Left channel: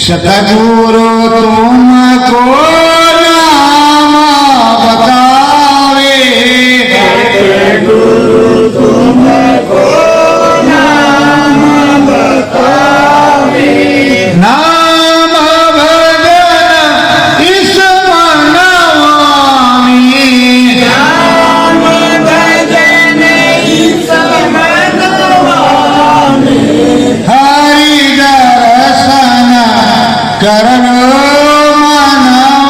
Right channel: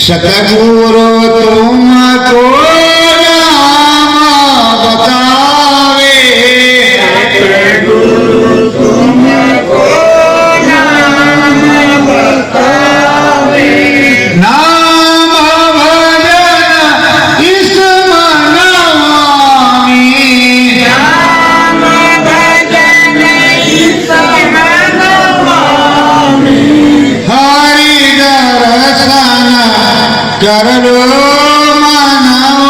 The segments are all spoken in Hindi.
सतगुरु तुमको नाम बतावे, सतगुरु तुमको नाम बतावे, नाम भजन इस मनवामी, नाम भजन इस मनवामी, हरि दर्शन कर लो मनवामी,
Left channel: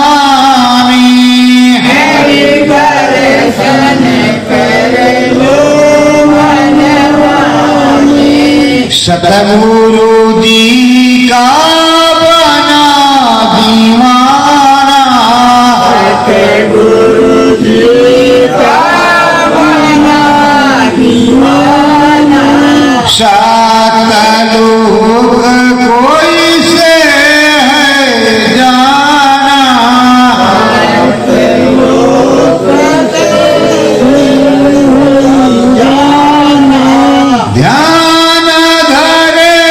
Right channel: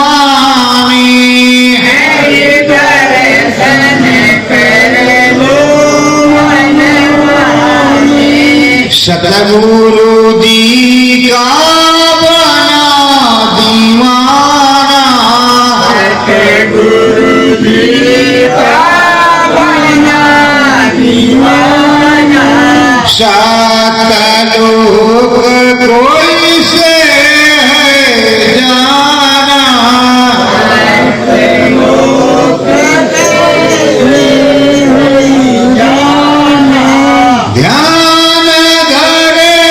हरि दर्शन कर लो मनवामी, सतगुरु जी का बना दीवाना, सतगुरु जी का बना दीवाना, सतलोक कोई से है जाना, ध्यान धरे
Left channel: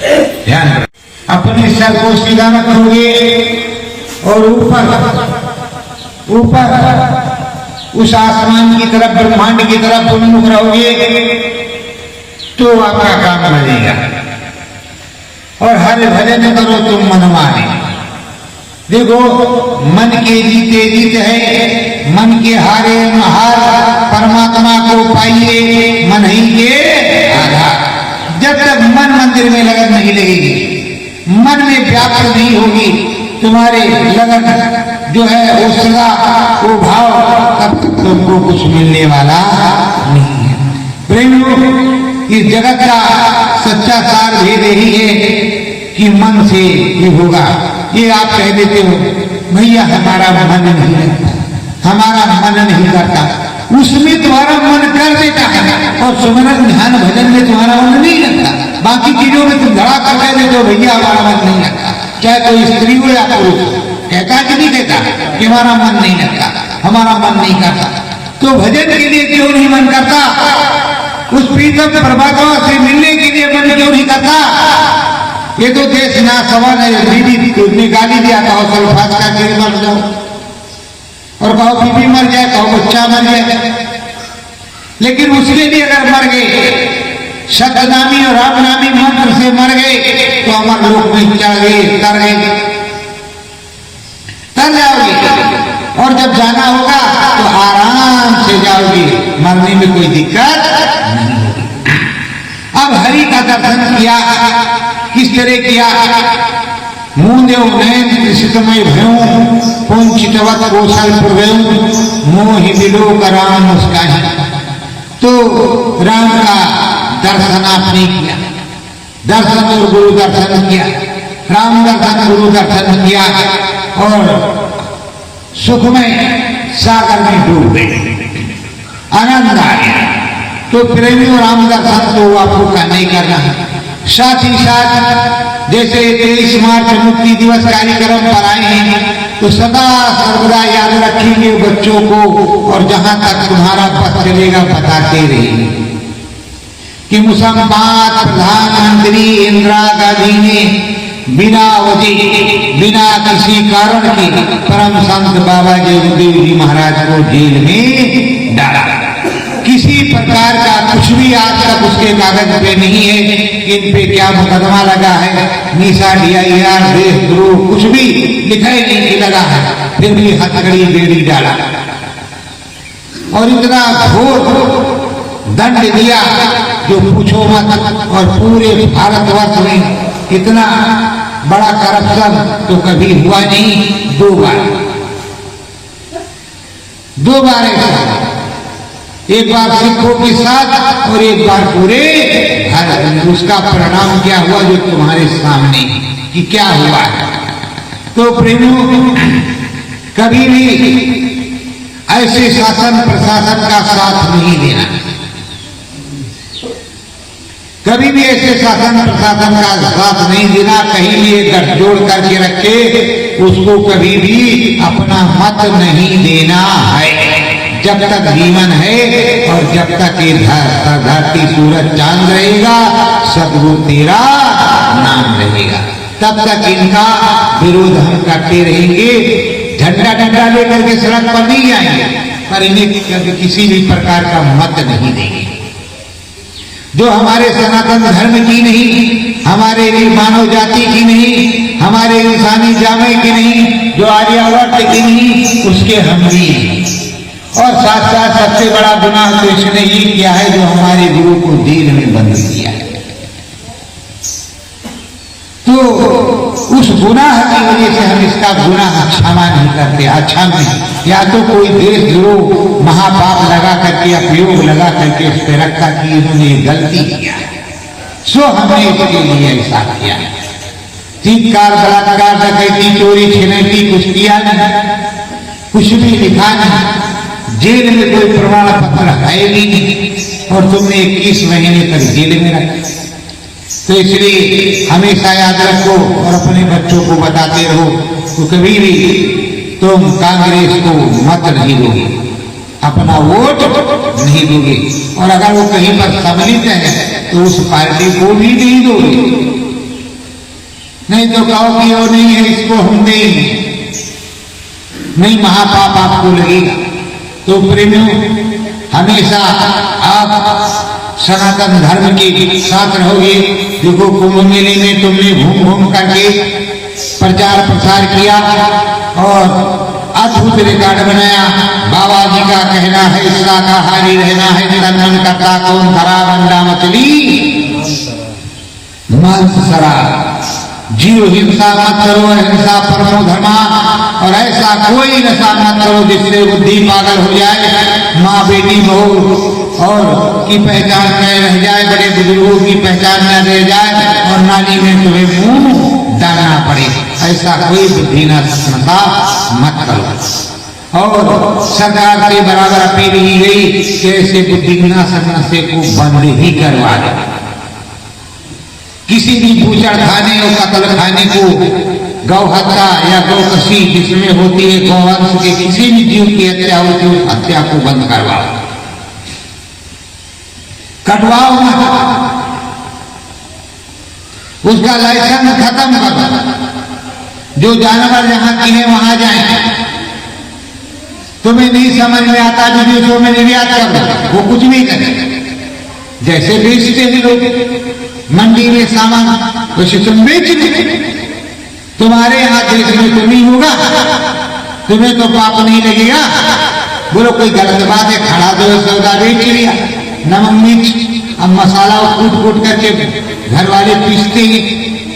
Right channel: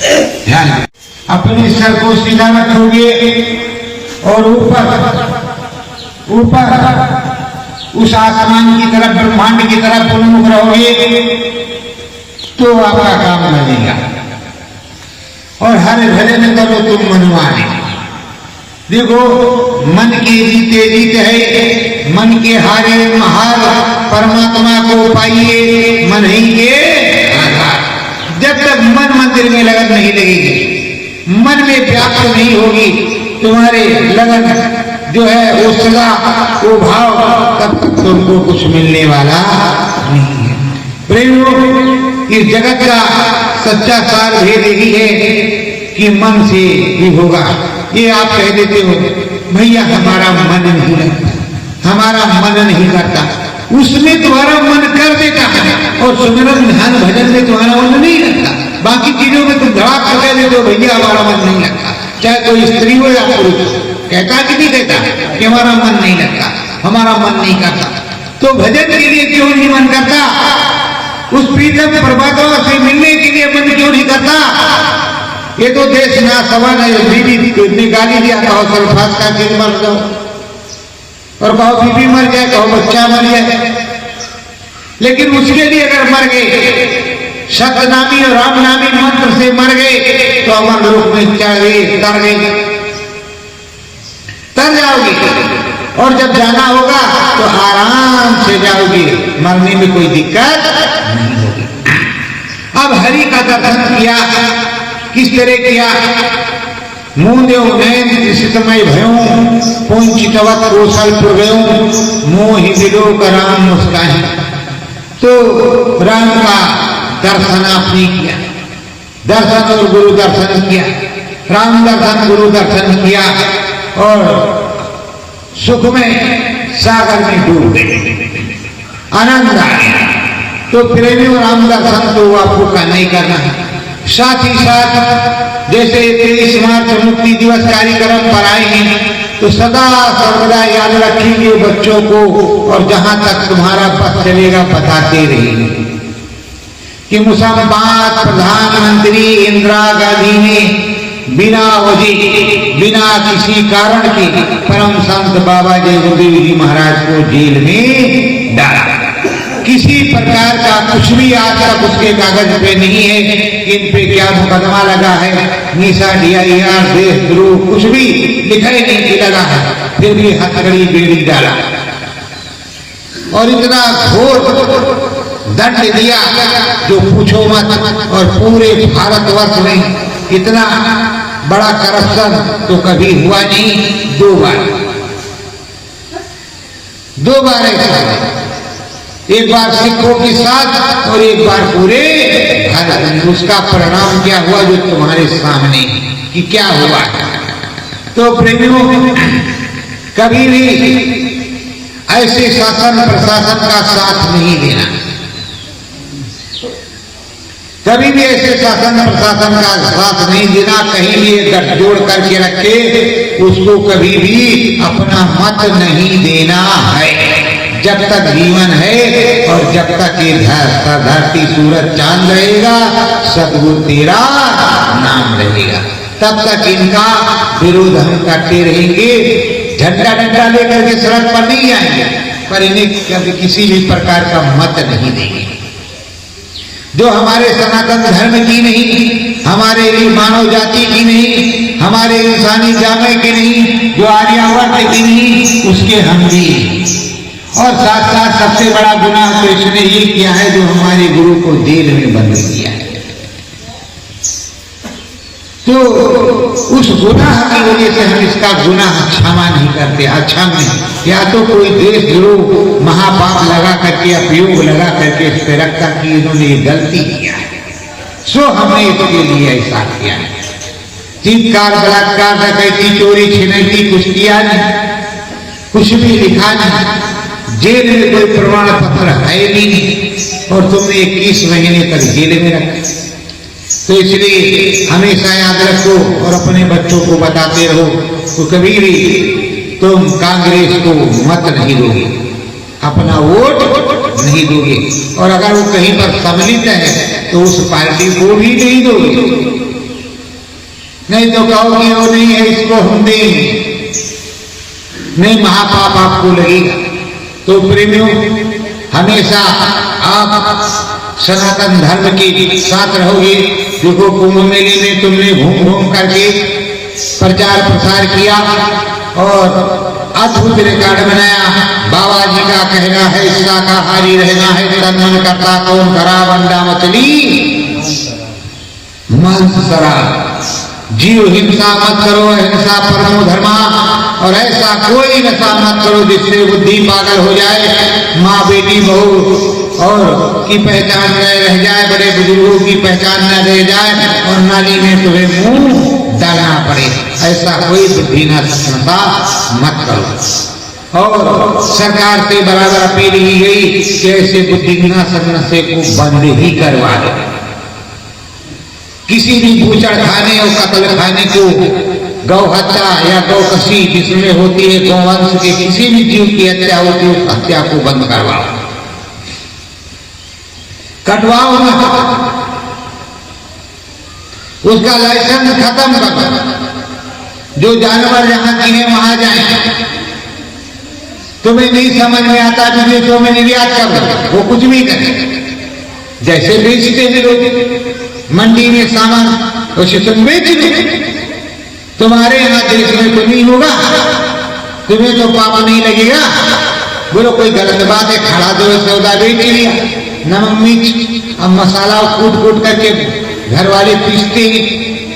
ध्यान रखें। अपने सर को सीधा रखोगे और ऊपर उस आसमान की तरफ, ब्रह्मांड की तरफ उन्मुख रहोगे तो आपका काम बनेगा। और हर भले न करो तुम मनमाने। देखो, मन की जीत है, मन के हारे महार, परमात्मा को पाइए मन ही के आधार। जब तक मन मंदिर में लगन नहीं लगेगी, मन में व्याप्त नहीं होगी तुम्हारे लगन जो है वो सदा वो भाव, तब तक तुमको कुछ मिलने वाला नहीं है। प्रेमियों, इस जगत का सच्चा सार भेद यही है कि मन से ही होगा। ये आप कह देते हो भैया हमारा मन नहीं लगता, हमारा मन नहीं करता, उसमें तुम्हारा मन कर देता है और सुमरन ध्यान भजन में तुम्हारा मन नहीं लगता। बाकी चीजों में तुम धड़ा कर कह देते हो भैया हमारा मन नहीं लगता, चाहे कोई स्त्री हो या पुरुष हो, कहता कि नहीं कहता कि हमारा मन नहीं लगता, हमारा मन नहीं करता। तो भजन के लिए क्यों नहीं मन करता? उस प्रीतम परमात्मा से मिलने के लिए मन क्यों नहीं करता? ये तो देश ना सवन बीबी निकाली दिया, कहो सल्फात का गिर मर जाओ, और कहो बीबी मर जाए, कहो बच्चा मर जाए। लेकिन उसके लिए अगर मर गए, सतनामी और रामनामी मंत्र से मर गए तो अमर लोक में चढ़ गए, तर जाओगे। और जब जाना होगा तो आराम से जाओगे, मरने में कोई दिक्कत नहीं होगी। अब हरि का दर्शन किया, किस तरह किया? मुंह नैन शीतमय भयऊ, पौंचितवत कौशलपुर गयऊ, मोहि विलोक राम मुस्काही। तो राम का दर्शन आपने किया, दर्शन और गुरु दर्शन किया, राम दर्शन गुरु दर्शन किया और सुख में सागर में डूब गए, आनंद आ गया। तो प्रेमियों, राम दर्शन तो आपको करना ही करना है। साथ ही साथ जैसे 23 मार्च मुक्ति दिवस कार्यक्रम पर आए हैं, तो सदा सर्वदा याद रखेंगे बच्चों को, और जहां तक तुम्हारा पथ चलेगा बताते रहेंगे कि मुसलमान प्रधानमंत्री इंदिरा गांधी ने बिना वजह, बिना किसी कारण के परम संत बाबा जयदेव जी महाराज को जेल में डाला। किसी प्रकार का कुछ भी आज तक उसके कागज पे नहीं है कि इन पे क्या मुकदमा लगा है, निशा DIR, देशद्रोह, कुछ भी लिखा ही नहीं कि लगा है। फिर भी हथकड़ी बेड़ी डाला और इतना घोर दंड दिया जो पूछो मत। और पूरे भारतवर्ष में इतना बड़ा करप्शन तो कभी हुआ नहीं। दो बार ऐसा, एक बार सिखों के साथ और एक बार पूरे भारत में। उसका परिणाम क्या हुआ जो तुम्हारे सामने कि क्या हुआ। तो प्रेमियों, कभी भी ऐसे शासन प्रशासन का साथ नहीं देना, कभी भी ऐसे शासन प्रशासन का साथ नहीं देना। कहीं भी गठजोड़ करके रखे, उसको कभी भी अपना मत नहीं देना है। जब तक जीवन है और जब तक ये धरती सूरज चांद रहेगा, सदगुरु तेरा नाम रहेगा, तब तक इनका विरोध हम करते रहेंगे। झंडा डंडा लेकर के सड़क पर नहीं आएंगे, पर इन्हें कभी किसी भी प्रकार का मत नहीं देंगे। जो हमारे सनातन धर्म की नहीं, हमारे मानव जाति की नहीं, हमारे इंसानी जामे की नहीं, जो आर्यावर्त की नहीं, उसके हम भी। और साथ साथ सबसे बड़ा गुनाह कृष्ण ने ही किया है, जो हमारे गुरु को जेल में बंद किया है। तो उस गुनाह की वजह से हम इसका गुनाह क्षमा नहीं करते। अच्छा में या तो कोई देशद्रोह महापाप लगा करके, अपयोग लगा करके उस पर रखा कि इन्होंने ये गलती किया है, सो हमने इसके लिए ऐसा किया है। चीतकार, बलात्कार, डकैती, चोरी, छिनैती कुछ किया नहीं, कुछ भी लिखा नहीं, जेल में कोई प्रमाण पत्र है भी नहीं, और तुमने 21 महीने तक जेल में रखा। तो इसलिए हमेशा याद रखो और अपने बच्चों को बताते रहो, तो कभी भी तुम कांग्रेस को मत नहीं दोगे, अपना वोट नहीं दोगे। और अगर वो कहीं पर सम्मिलित है तो उस पार्टी को भी नहीं दोगे। नहीं तो कहो कि वो नहीं है, इसको हम देंगे, नहीं, महापाप आपको लगेगा। तो प्रेमियों, हमेशा आप सनातन धर्म के साथ रहोगे। देखो, कुंभ मेले में तुमने घूम घूम करके प्रचार प्रसार किया और अद्भुत रिकॉर्ड बनाया। बाबा जी का कहना है शाकाहारी रहना है, तन मन करता कौन खरा बंडा मछली मांस शराब, जीव हिंसा मत करो, अहिंसा परमो धर्मा, और ऐसा कोई नशा मत करो जिससे बुद्धि पागल हो जाए, माँ बेटी बहू और की पहचान न रह जाए, बड़े बुजुर्गों की पहचान न रह जाए और नाली में तुम्हें मुंह डालना पड़े। ऐसा कोई बुद्धि नशा मत करो। और सरकार से बराबर अपील की गई कि ऐसे बुद्धि विनाशक नशे को बंद ही करवा दे। किसी भी भूचड़ खाने और कत्ल खाने को, गौ हत्या या गौकशी जिसमें होती है गौवंश के किसी भी जीव की हत्या होती है, उस हत्या को बंद करवाओ, कटवाओ मत, उसका लाइसेंस खत्म कर दो। जो जानवर जहां की है वहां जाए। तुम्हें नहीं समझ में आता विदेशों में निर्यात कर दो, वो कुछ भी करे, जैसे बेचते हैं लोग मंडी में सामान, वैसे तुम बेच दो। तुम्हारे यहां देश में तो नहीं होगा, तुम्हें तो पाप नहीं लगेगा। बोलो कोई गलत बात है, खड़ा दो सौदा बेच लिया, नमक मिर्च अब मसाला कूट कूट करके घर वाले पीसते हैं,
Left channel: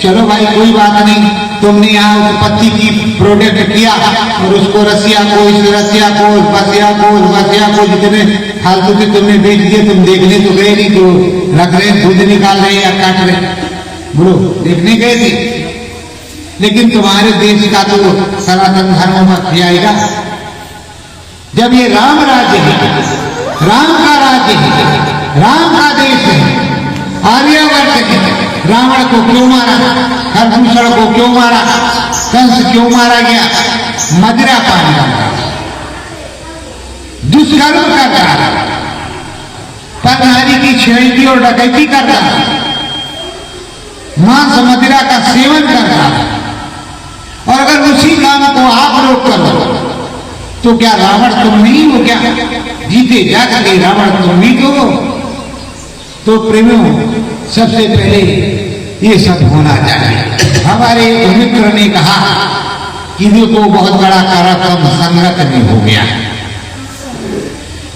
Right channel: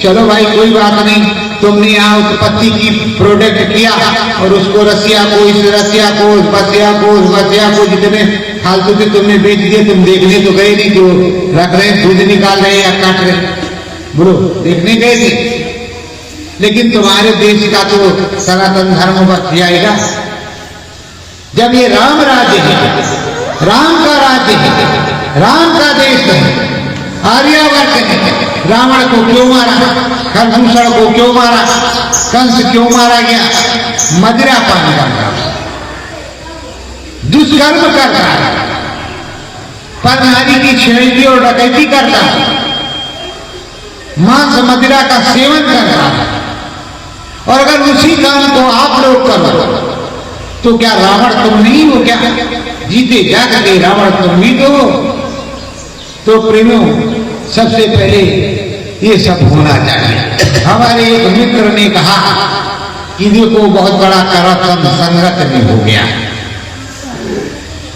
चलो भाई कोई बात नहीं, तुमने यहाँ उत्पत्ति की प्रोडक्ट किया और उसको रसिया को, इस रसिया को, बसिया को, बसिया को, जितने फालतू के तुमने बेच दिए, तुम देखने तो गए नहीं, जो रख रहे दूध निकाल रहे या काट रहे, बोलो देखने गए थे। लेकिन तुम्हारे देश का तो सनातन धर्म बच जाएगा जब ये राम राज्य है, राम का राज्य है, राम का देश है, आर्यावर्त है। रावण को क्यों मारा, खरदूषण को क्यों मारा, कंस क्यों मारा गया, मदिरा पान करता, दुष्कर्म करता, परनारी की छेड़ती और डकैती करता, मांस मदिरा का सेवन करता। और अगर उसी काम को आप लोग करो तो क्या रावण तुम नहीं हो क्या? जीते जागते रावण तुम भी तो हो। तो प्रेमियों, सबसे पहले ये सब होना चाहिए। हमारे एक मित्र ने कहा कि देखो बहुत बड़ा करप्शन संगत में हो गया,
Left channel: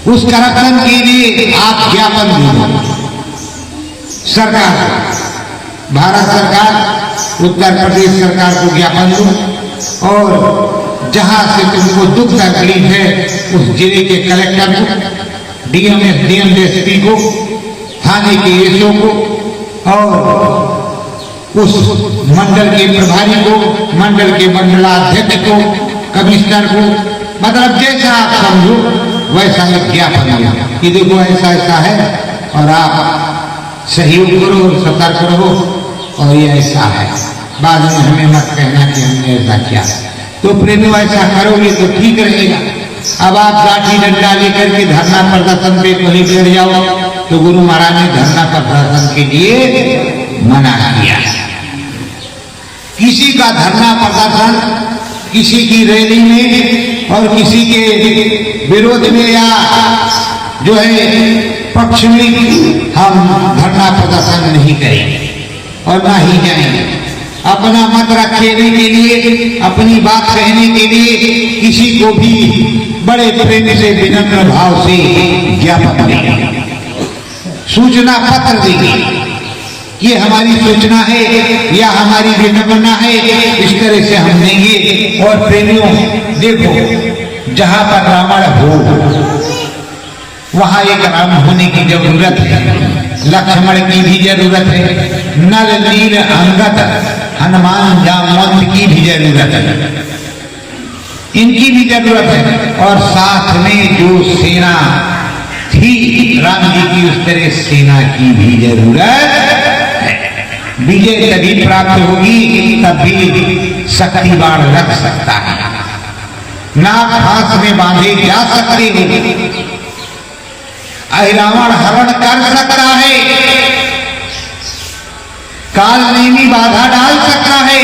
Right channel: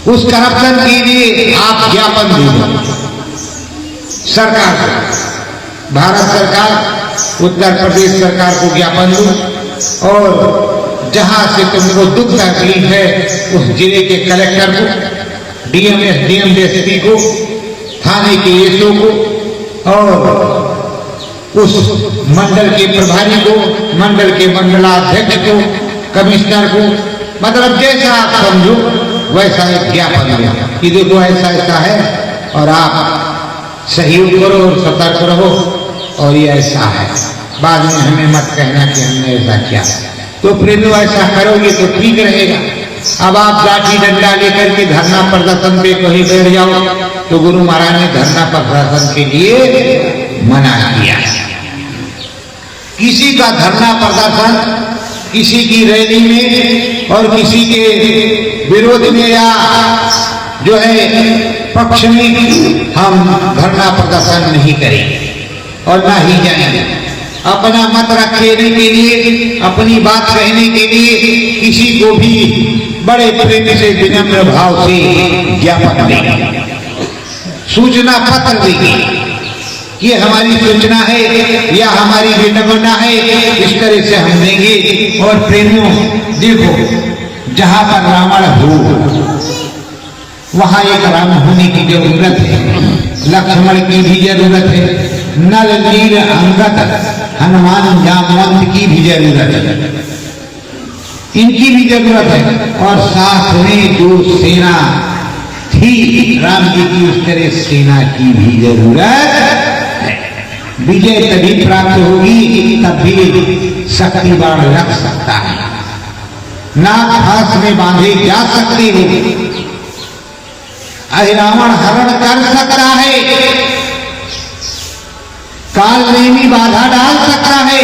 उस करप्शन के लिए आप ज्ञापन दीजिए सरकार, भारत सरकार, उत्तर प्रदेश सरकार को ज्ञापन दो और जहां से तुमको दुख तकलीफ है उस जिले के कलेक्टर को, डीएम एसपी को, थाने के एसओ को और उस मंडल के प्रभारी को, मंडल के मंडलाध्यक्ष को, कमिश्नर को, मतलब जैसा आप समझो वैसा एक ज्ञापन दो कि देखो ऐसा ऐसा है और आप सहयोग करो और सतर्क रहो और ये ऐसा है, बाद में हमें मत कहना कि हमने ऐसा किया। तो प्रेमियों ऐसा करोगे तो ठीक रहेगा। अब आप लाठी डंडा लेकर के धरना प्रदर्शन पे कहीं बैठ जाओ तो गुरु महाराज ने धरना प्रदर्शन के लिए मना किया। किसी का धरना प्रदर्शन किसी की रैली में और किसी के विरोध में या जो है पक्ष में हम धरना प्रदर्शन नहीं करेंगे और ना ही जाएंगे। अपना मत रखने के लिए, अपनी बात कहने के लिए किसी को भी बड़े प्रेम से, विनम्र भाव से ज्ञापन देंगे, सूचना पत्र देंगे, ये हमारी सूचना है या हमारी विनम्रता है, इस तरह से हम देंगे। और प्रेमियों देखो, जहां पर रावण हो वहां एक राम होने की जरूरत है, लक्ष्मण की भी जरूरत है, नल नील अंगद हनुमान जामवंत की भी जरूरत है, इनकी भी जरूरत है। और साथ में जो सेना थी राम जी की, उस तरह सेना की भी जरूरत है। विजय तभी प्राप्त होगी तब भी शक्ति बाण रख सकता है, नाक फांस में बांधे जा सकते हो, रावण हरण कर सकता है, काल नहीं बाधा डाल सकता है,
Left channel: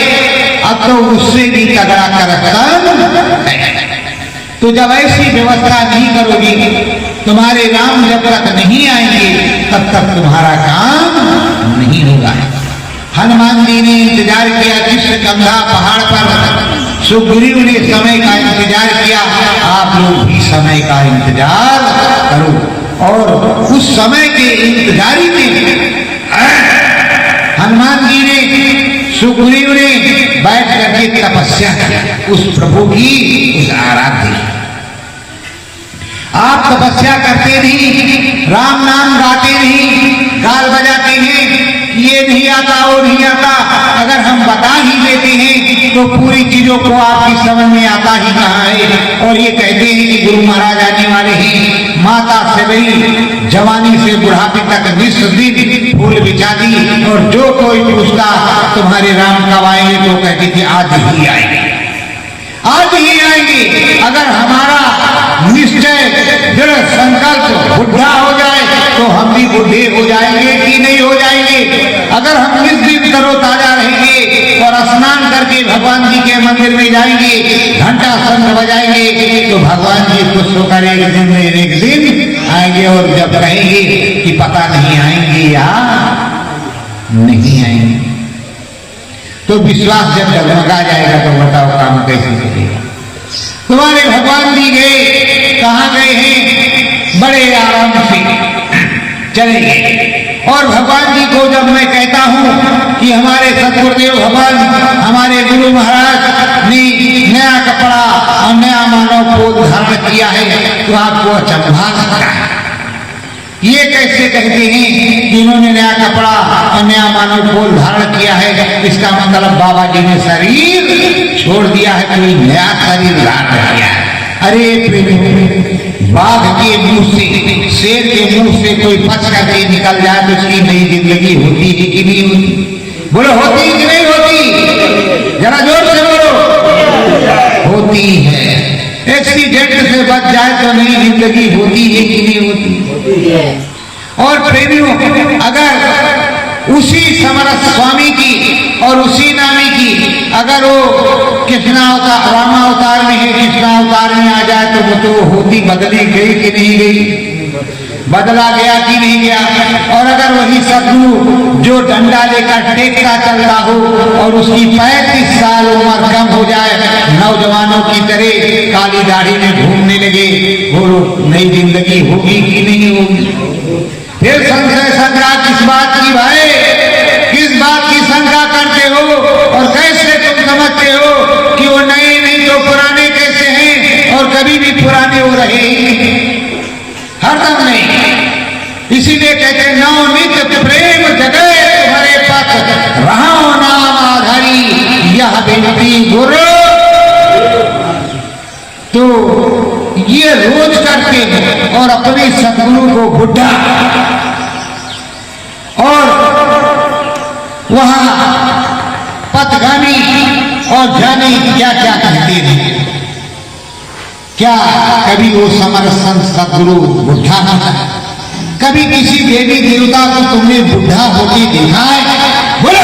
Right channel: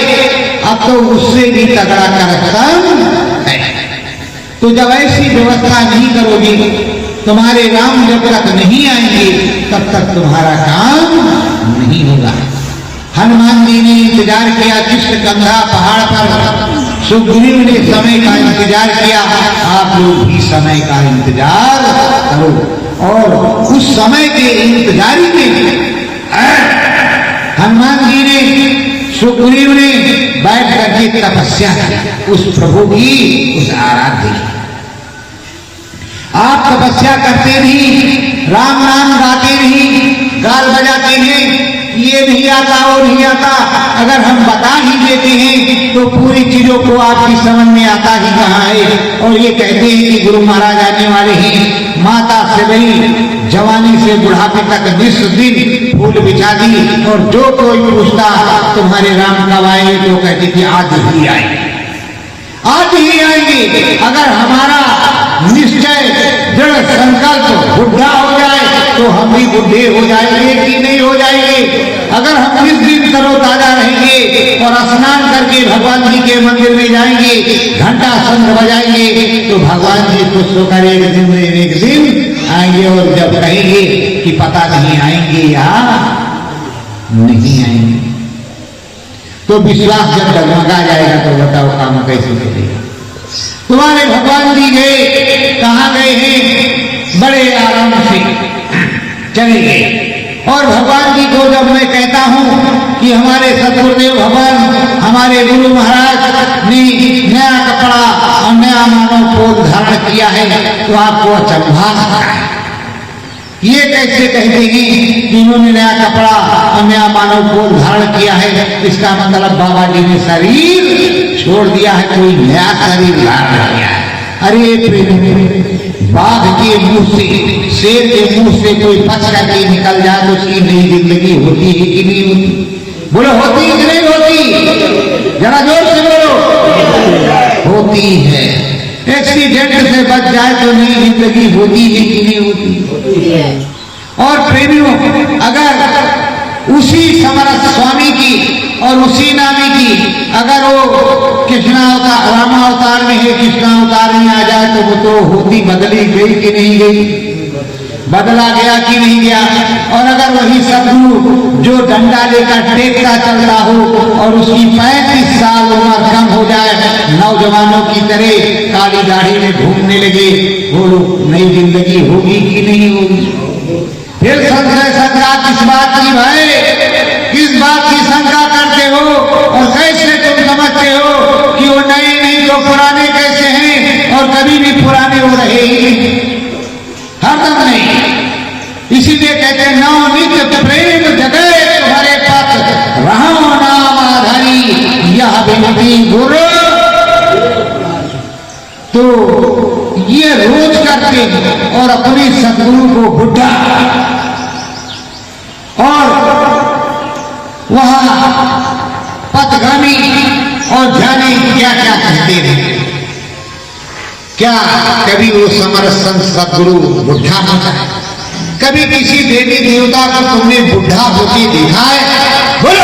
अब तो उससे भी तगड़ा करप्शन है। तो जब ऐसी व्यवस्था नहीं करोगी, तुम्हारे राम जब तक नहीं आएंगे तब तक तुम्हारा काम नहीं होगा। हनुमान जी ने इंतजार किया किष्किंधा पहाड़ पर, सुग्रीव ने समय का इंतजार किया। आप लोग भी समय का इंतजार करो। और उस समय के इंतजारी में हनुमान जी ने, सुग्रीव ने बैठ करके तपस्या की उस प्रभु की, उस आराध्य। आप तपस्या करते नहीं, राम नाम गाते नहीं, कार बजाते हैं, ये नहीं आता वो नहीं आता, अगर हम बता ही देते हैं तो पूरी चीजों को आपकी समझ में आता ही कहाँ है। और ये कहते हैं कि गुरु महाराज आने वाले हैं, माता से नहीं जवानी से बुढ़ापे तक 20 दिन फूल बिछा दी। और जो कोई पूछता तुम्हारे राम कब आएंगे तो कहती थी आज ही आएंगे, आज ही आएंगे। अगर हमारा निश्चय दृढ़ संकल्प बुढ़ा हो जाए तो हम भी बुढ़े हो जाएंगे कि नहीं हो जाएंगे। अगर हम इस दिन तरोताजा रहेंगे और स्नान करके भगवान जी के मंदिर में जाएंगे, घंटा शंख बजाएंगे, तो भगवान जी खुश होकर एक दिन आएंगे। और जब कहेंगे कि पता नहीं आएंगे या नहीं आएंगे, तो विश्वास जब डगमगा जाएगा तो बताओ काम कैसे चलेगा। तुम्हारे भगवान जी गए, कहाँ गए हैं? बड़े आराम से चले गए। और भगवान जी को जब मैं कहता हूँ कि हमारे सतगुरुदेव भगवान, हमारे गुरु महाराज ने नया कपड़ा और नया मानव पोष धारण किया है, तो आपको अचंभा लगता है। ये कैसे कहते हैं कि इन्होंने नया कपड़ा और नया मानव पोष धारण किया है? इसका मतलब बाबा जी ने शरीर छोड़ दिया है, कोई नया शरीर धारण किया है। अरे बाघ के मुंह से, शेर के मुंह से कोई पच करके निकल जाए तो उसकी नई जिंदगी होती है कि नहीं होती? बोलो होती है कि नहीं होती? जरा जोर से बोलो। होती है। एक्सीडेंट से बच जाए तो नई जिंदगी होती है कि नहीं होती? और प्रेमियों, अगर उसी समरथ स्वामी की और उसी नामी की अगर वो कृष्णा अवतार, रामा अवतार में है, कृष्णा अवतार में आ जाए तो वो तो होती बदली गई कि नहीं गई? बदला गया कि नहीं गया? और अगर वही सतगुरु जो डंडा लेकर टेकता चलता हो और उसकी 35 साल उम्र कम हो जाए, नौजवानों की तरह काली दाढ़ी में घूमने लगे, वो नई जिंदगी होगी कि नहीं होगी? फिर संशय संग्रह किस बात की भाई? किस बात की शंका करते हो? और कैसे तुम समझते हो कि वो नए नहीं तो पुराने कैसे हैं? और कभी भी पुराने हो रहे ही हरदम नहीं। इसीलिए कहते हैं नौ नित्य प्रेम जगह तुम्हारे पक्ष, रहो नाम आधारी यह विनती गुरु। तो ये रोज करते हैं और अपने सतगुरु को बुढ़ा और वहां पथगामी और ध्यानी क्या क्या कहते रहे। क्या कभी वो समरथ संत सतगुरु बुढ़ा होता है? कभी किसी देवी देवता को तुमने बुढ़ा होते देखा है? बोलो,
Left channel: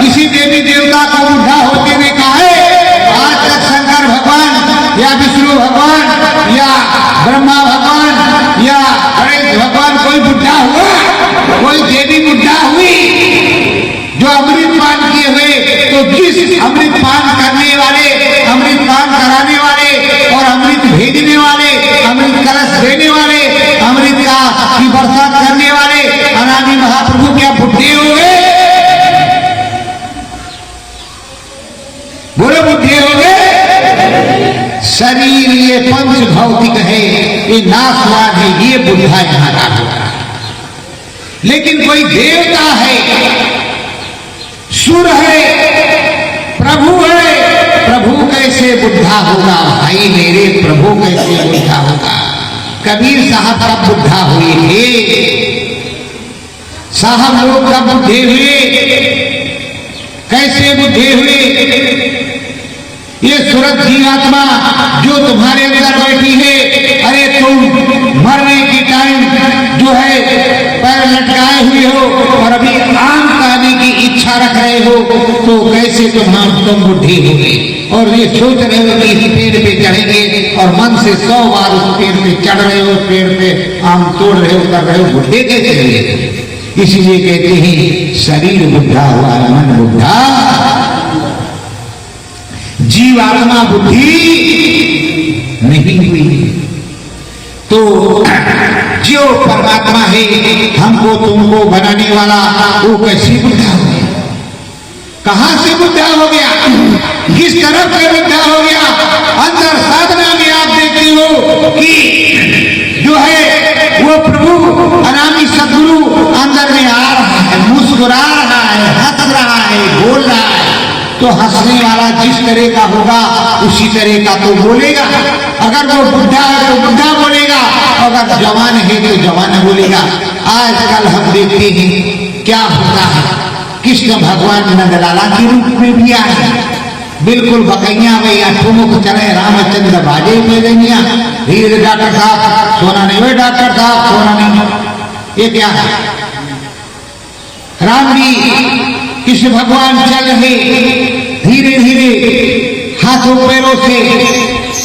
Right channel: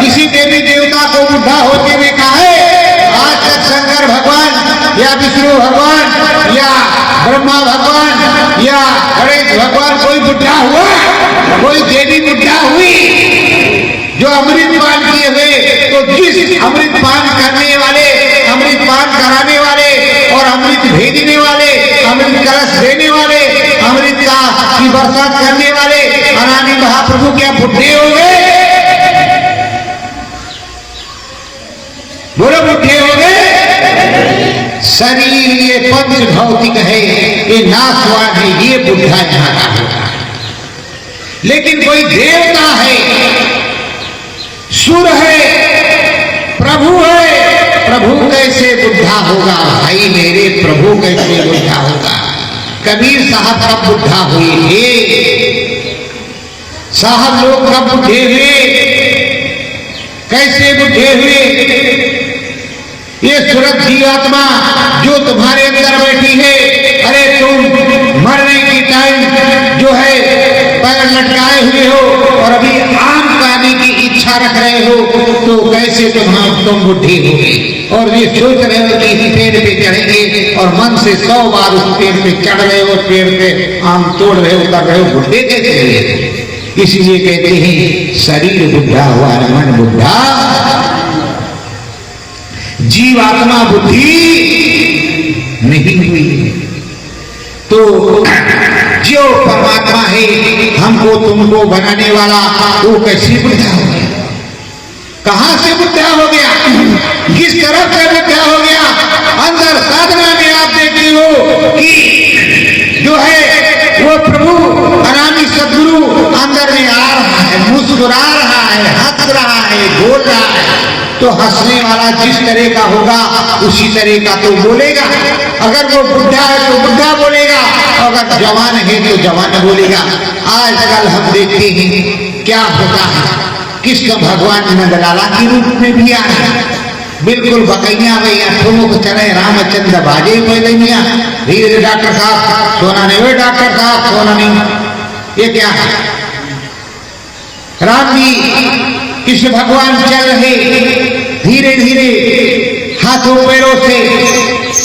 किसी देवी देवता को बुढ़ा होते देखा है? आज तक शंकर भगवान या विष्णु भगवान या ब्रह्मा भगवान या गणेश भगवान कोई बुढ़ा हुआ? कोई देवी बुढ़ा हुई जो अमृत पान किए हुए? तो जिस अमृत पान करने वाले, अमृत पान कराने वाले और अमृत भेजने वाले, अमृत कलश देने वाले, अमृत का की बरसात करने वाले अनादि महाप्रभु क्या बुढ़े हो गए? बोलो, बुढ़े हो गए? शरीर ये पंच भौतिक है, ये नाशवान है, ये बुढ़ा यहाँ का होता है। लेकिन कोई देवता है, सुर है, प्रभु है, प्रभु कैसे बुढ़ा होगा भाई मेरे? प्रभु कैसे बुढ़ा होगा? कबीर साहब कब बुढ़ा हुए थे? साहब लोग कब बुढ़े हुए? कैसे बुढ़े हुए? ये सूरत जीवात्मा जो तुम्हारे अंदर बैठी है, अरे तुम मरने की टाइम जो है पैर लटकाए हुए हो और अभी आम खाने की इच्छा रख रहे हो तो कैसे तुम बुद्धि हो गए और ये सोच रहे हो कि इस पेड़ पे चढ़ेंगे और मन से 100 बार उस पेड़ पे चढ़ रहे हो, पेड़ पे आम तोड़ रहे हो, कर रहे हो, बुद्धि कैसे रहे। इसलिए कहते हैं शरीर बुद्धा हुआ है, मन बुद्धा, जीवात्मा बुद्धि नहीं हुई। तो जो परमात्मा है हमको तुमको बनाने वाला वो कैसे बुद्धा हो गया, कहां से बुद्धा हो गया, किस तरफ से बुद्धा हो गया। अंदर साधना में आप देखती हो कि जो है वो प्रभु अनामी सदगुरु अंदर में आ रहा है, मुस्कुरा रहा है, हंस रहा है, बोल रहा है। तो हंसने वाला जिस तरह का होगा उसी तरह का तो बोलेगा। अगर वो बुढ़ा है तो बुढ़ा बोलेगा, अगर जवान है तो जवान बोलेगा। आजकल हम देखते हैं क्या होता है, कृष्ण भगवान नंदलाला के रूप में भी आ रहे हैं, बिल्कुल बकैया भैया ठुमुक चले रामचंद्र बाजे पैदनिया, धीरे डॉक्टर साहब सोना नहीं, वे डॉक्टर साहब सोना नहीं। ये क्या है, राम जी कृष्ण भगवान चल रहे धीरे धीरे हाथों पैरों से,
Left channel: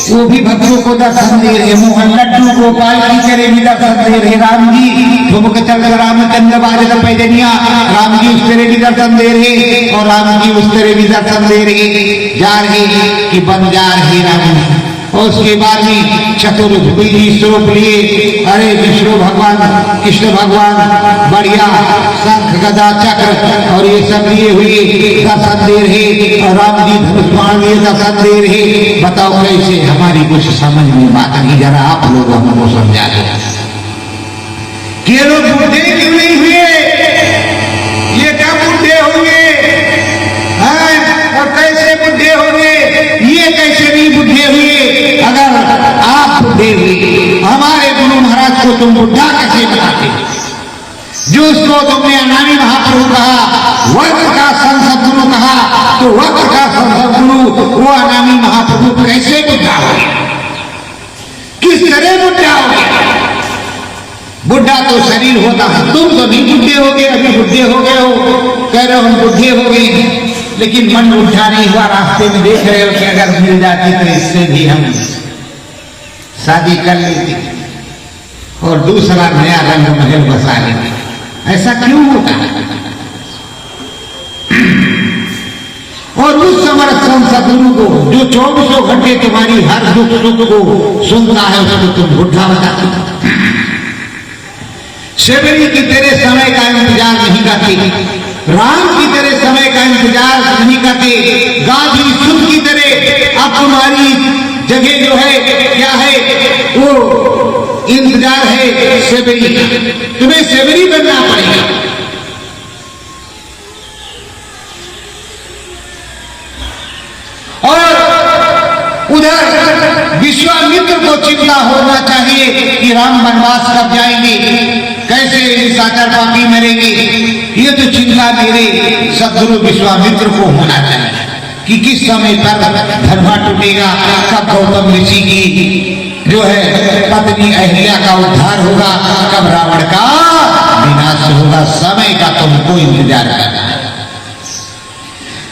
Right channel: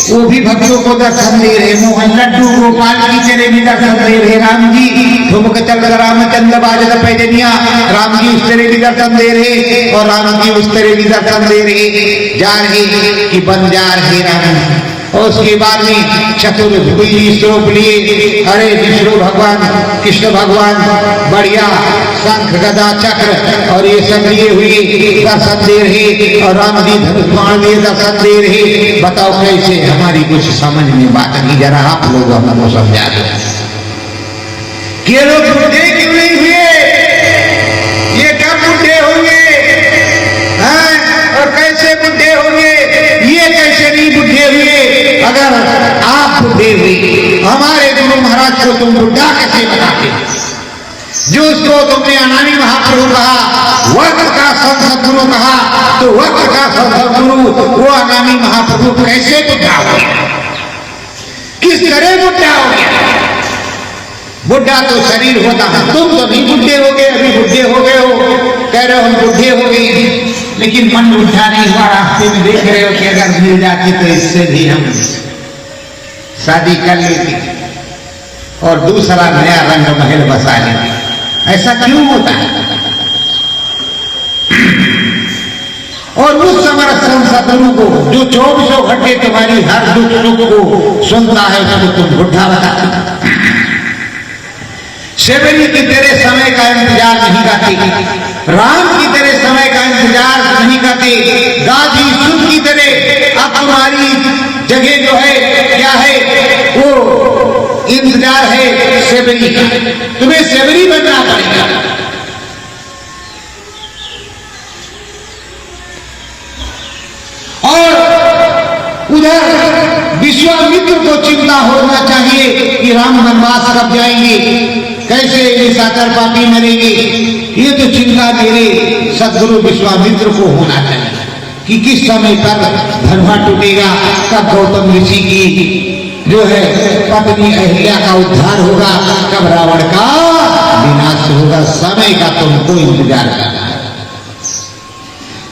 वो भी भक्तों को दर्शन दे रहे, मोहन लड्डू गोपाल की चले भी दर्शन दे रहे। राम जी ठुमक चल रामचंद्र बाजे पैदनिया, राम जी उस तरह भी दर्शन दे रहे और राम जी उस तरह भी दर्शन दे रहे। जा रहे कि बन जा रहे राम। और उसके बाद में चतुर्भुजी स्वरूप लिए अरे विष्णु भगवान कृष्ण भगवान बढ़िया शंख गदा चक्र और ये सब लिए हुए दर्शन दे रहे और राम जी धनुष बाण लिए दर्शन दे रहे। बताओ कैसे, हमारी कुछ समझ में बात नहीं, जरा आप लोग हमको समझा दो कि लोग बुढ़े क्यों नहीं हुए, ये क्या बुढ़े होंगे और कैसे बुढ़े होंगे, ये कैसे नहीं बुढ़े हुए। अगर आप बुढ़े हुए, हमारे गुरु महाराज को तुम बुढ़ा कैसे बनाते, जो उसको तुमने अनामी महाप्रभु कहा, वक्र का संत गुरु कहा, तो वक्र का संत गुरु वो अनामी महाप्रभु कैसे बुढ़ा हो गया, किस तरह बुढ़ा हो गया। बुढ़ा तो शरीर होता है, तुम तो नहीं बुढ़े हो गए, अभी बुढ़े हो गए हो, कह रहे हो हम बुढ़े हो गए, लेकिन मन बुढ़ा नहीं हुआ। रास्ते में देख रहे हो कि अगर मिल जाती तो इससे भी हम शादी कर लेते और दूसरा नया रंग महल बसा लेते। ऐसा क्यों होता है। और उस समर्थ सदगुरु को जो 24 घंटे तुम्हारी हर दुख सुख को सुनता है, उसको तुम बुढ़ा बताते। शेवरी की तेरे समय का इंतजार नहीं करती, राम की तरह समय का इंतजार नहीं करते, गाजी सुख की तरह अब तुम्हारी जगह जो है क्या है, वो इंतजार है सेवरी का, तुम्हें सेवरी बनना पड़ेगा। और उधर विश्वामित्र को चिंता होना चाहिए कि राम वनवास कब जाएंगे, कैसे निशाचर पापी मरेंगे। ये तो चिंता मेरे सदगुरु विश्वामित्र को होना चाहिए कि किस समय तक धर्मा टूटेगा, कब गौतम ऋषि की जो है पत्नी अहिल्या का उद्धार होगा, कब रावण का विनाश होगा। समय का तुमको इंतजार करना है,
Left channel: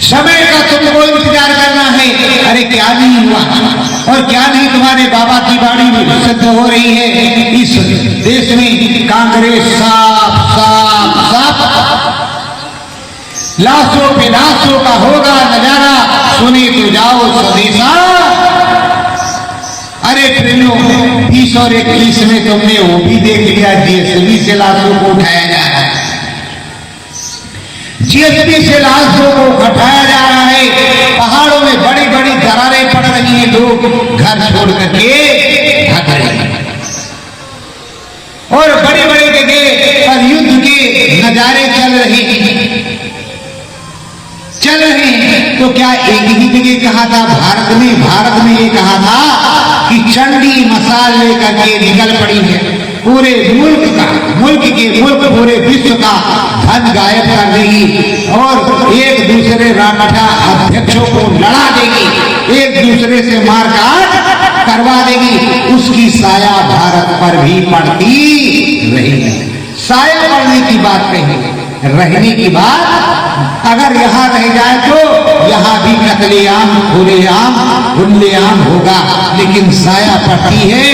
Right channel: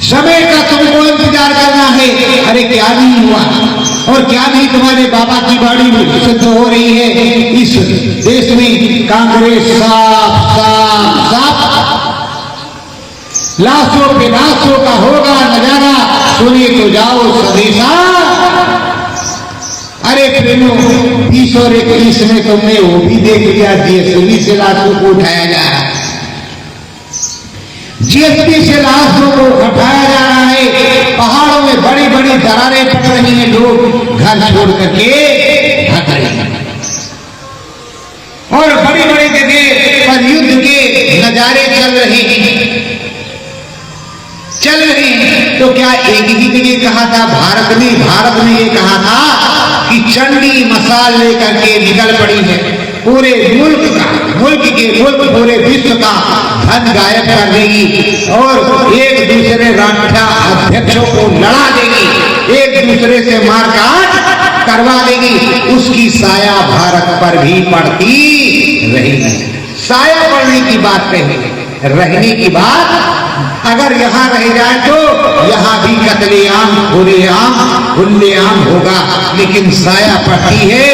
समय का तुमको इंतजार करना है। अरे क्या नहीं हुआ और क्या नहीं, तुम्हारे बाबा की वाणी सिद्ध हो रही है। इस देश में कांग्रेस साफ साफ साफ लाशों पे लाशों का होगा नजारा, सुने तो जाओ स्वदेशा। अरे प्रेमो 20 और 21 में तुमने वो भी देख लिया, जीएसटी से लाशों को उठाया जा रहा है, जीएसटी से लाशों को उठाया जा रहा है। पहाड़ों में बड़ी बड़ी दरारें पड़ रही हैं, लोग घर छोड़ करके भाग रहे हैं और बड़ी बड़ी जगह पर युद्ध के नजारे चल रहे हैं। तो क्या एक ही जगह कहा था भारत में ये कहा था कि चंडी मसाल लेकर के निकल पड़ी है, पूरे मुल्क पूरे विश्व का धन गायब कर देगी और एक दूसरे राष्ट्र अध्यक्षों को लड़ा देगी, एक दूसरे से मारकाट करवा देगी। उसकी साया भारत पर भी पड़ती रहेगी। साया पड़ने की बात कही, रहने की बात अगर यहाँ रह जाए तो यहाँ भी कतलेआम खुलेआम खुलेआम होगा, लेकिन साया पड़ती है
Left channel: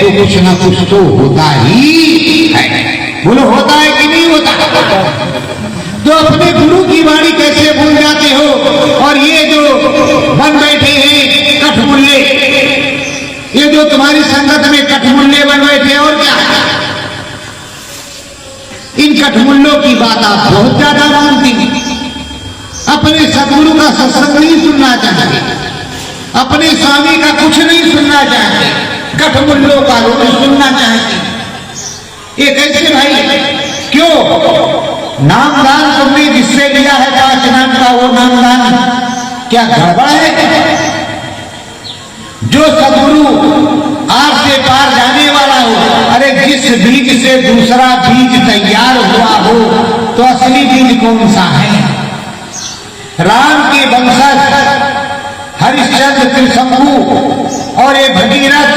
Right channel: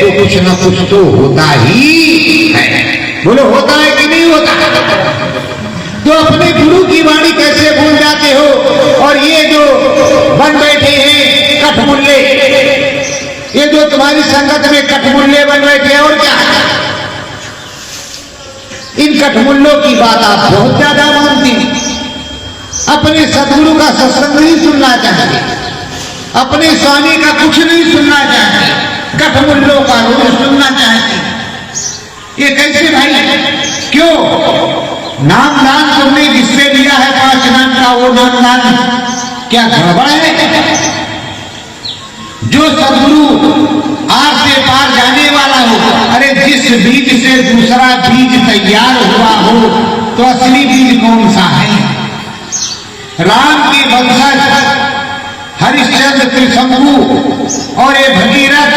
तो कुछ न कुछ तो होता ही है। बोलो होता है कि नहीं होता? तो अपने गुरु की वाणी कैसे भूल जाते हो? और ये जो बन बैठे हैं कठमुल्ले, ये जो तुम्हारी संगत में कठमुल्ले बन बैठे, और क्या इन कठमुल्लों की बात आप बहुत ज्यादा मानती हैं। अपने सदगुरु का सत्संग नहीं सुनना चाहते, अपने स्वामी का कुछ नहीं सुनना चाहते, कठमुल्लों का रोज सुनना चाहते। ये कैसे भाई? क्यों? नामदान तुमने जिससे लिया है 5 नाम का, वो नामदान क्या गड़बड़ है? जो सदगुरु आर से पार जाने वाला हो, अरे जिस बीज से दूसरा बीज तैयार हुआ हो तो असली बीज कौन सा है? राम के वंशज हरिश्चंद्र त्रिशंकु और ये भगीरथ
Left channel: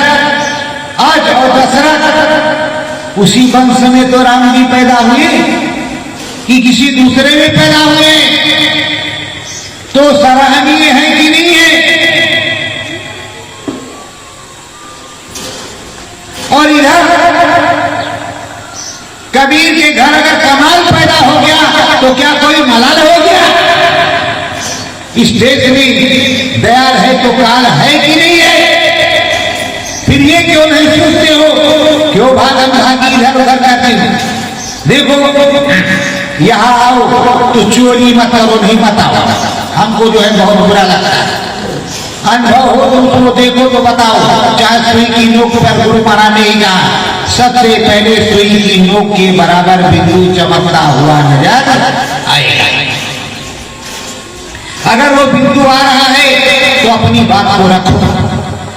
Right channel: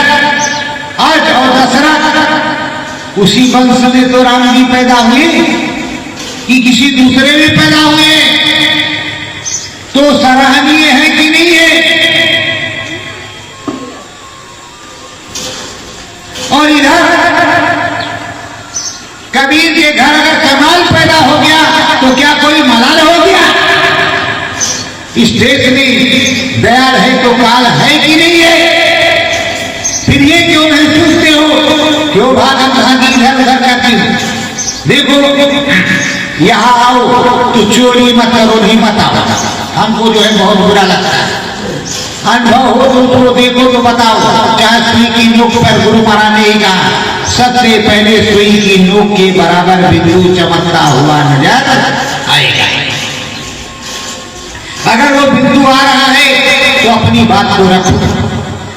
आज और दशरथ, उसी वंश में तो राम जी पैदा हुए कि किसी दूसरे में पैदा हुए? तो सराहनीय है कि नहीं है? और इधर कबीर के घर अगर कमाल पैदा हो गया तो क्या कोई मलाल हो गया? इस देश में दयाल है तो काल है कि नहीं है? फिर ये क्यों नहीं सोचते हो? क्यों भागम भागी इधर उधर करते हो? देखो यहाँ आओ तो चोरी मत और नहीं मत आओ, हमको जो है बहुत बुरा लगता है। अनुभव हो तो उसको देखो तो बताओ। चाहे सुई की नोक पर गुरु महाराज ने कहा सबसे पहले सुई की नोक के बराबर बिंदु चमकता हुआ नजर आएगा। अगर वो बिंदु आ रहा है तो अपनी बात को रखो।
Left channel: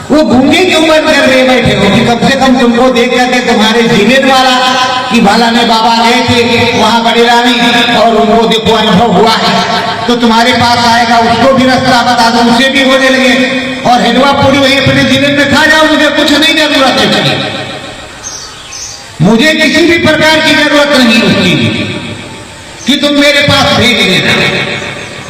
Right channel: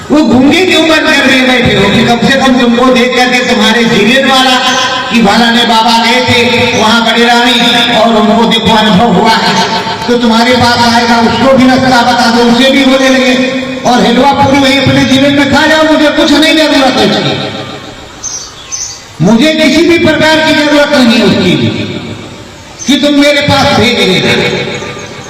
वो घूंगे क्यों बंद कर रहे बैठे हो? कि कम से कम तुमको देख करके तुम्हारे जिले वाला कि भलाने बाबा गए थे वहां बड़ेरा में और उनको देखो अनुभव हुआ है तो तुम्हारे पास आएगा, उसको भी रास्ता बता दो, उसे भी बोले लगे और हिलवा पूरी वही अपने जीवन में खा जाओ। मुझे कुछ नहीं जरूरत है, मुझे किसी भी प्रकार की जरूरत नहीं उसकी कि तुम मेरे पास भेज देना,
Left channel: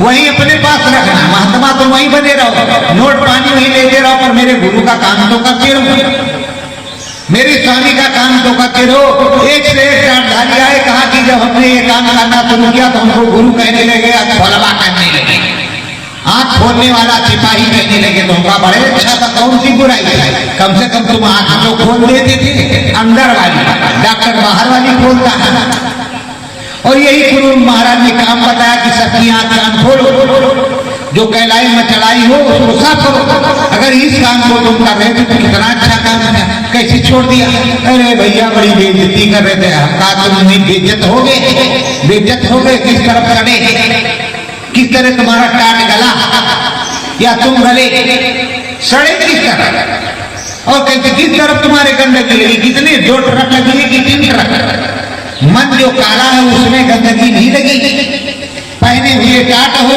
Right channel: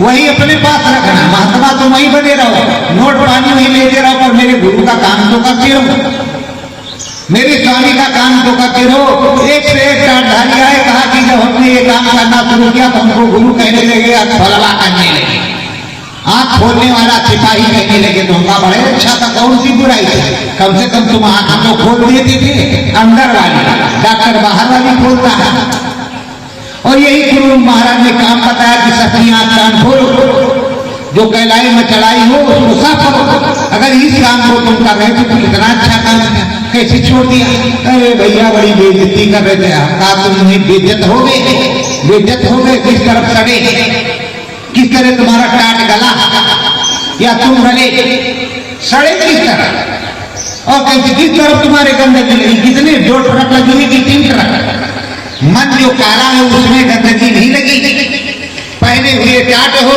वही अपने पास रखना। महात्मा तुम वही बने रहो, नोट पानी वही लेते रहो, पर मेरे गुरु का काम तो करते रहो, मेरे स्वामी का काम तो करते रहो। एक से एक डांढाली आए, कहा कि जब हमने ये काम करना शुरू किया तो हमको गुरु कहने लगे, खोलवा करने लगे, आंख खोलने वाला सिपाही कहने लगे। तो हमका बड़े अच्छा था, कौन सी बुराई है? कम से कम तुम आंख हमको खोल देते थे, अंदर वाली, डॉक्टर बाहर वाली खोलता है। और यही गुरु महाराज ने काम बताया कि सबकी आंख कान खोलो, जो कहलाई में चढ़ाई हो उसको साफ करो। अगर इस काम को तुम कर रहे थे तो कितना अच्छा काम है, कैसे छोड़ दिया? अरे भैया बड़ी बेइज्जती कर रहे थे। हम कहा तुम नहीं बेइज्जत हो गए, बेइज्जत हो गए किस तरफ चढ़े, किस तरह तुम्हारा टाट गला या तुम गले सड़े किस तरह, और कैसे किस तरफ तुम्हारे गंदगी लगी? कितने 2 ट्रक लगी है कि 3 ट्रक? मन जो काला है उसमें गंदगी नहीं लगी। पहने हुए टाट हो,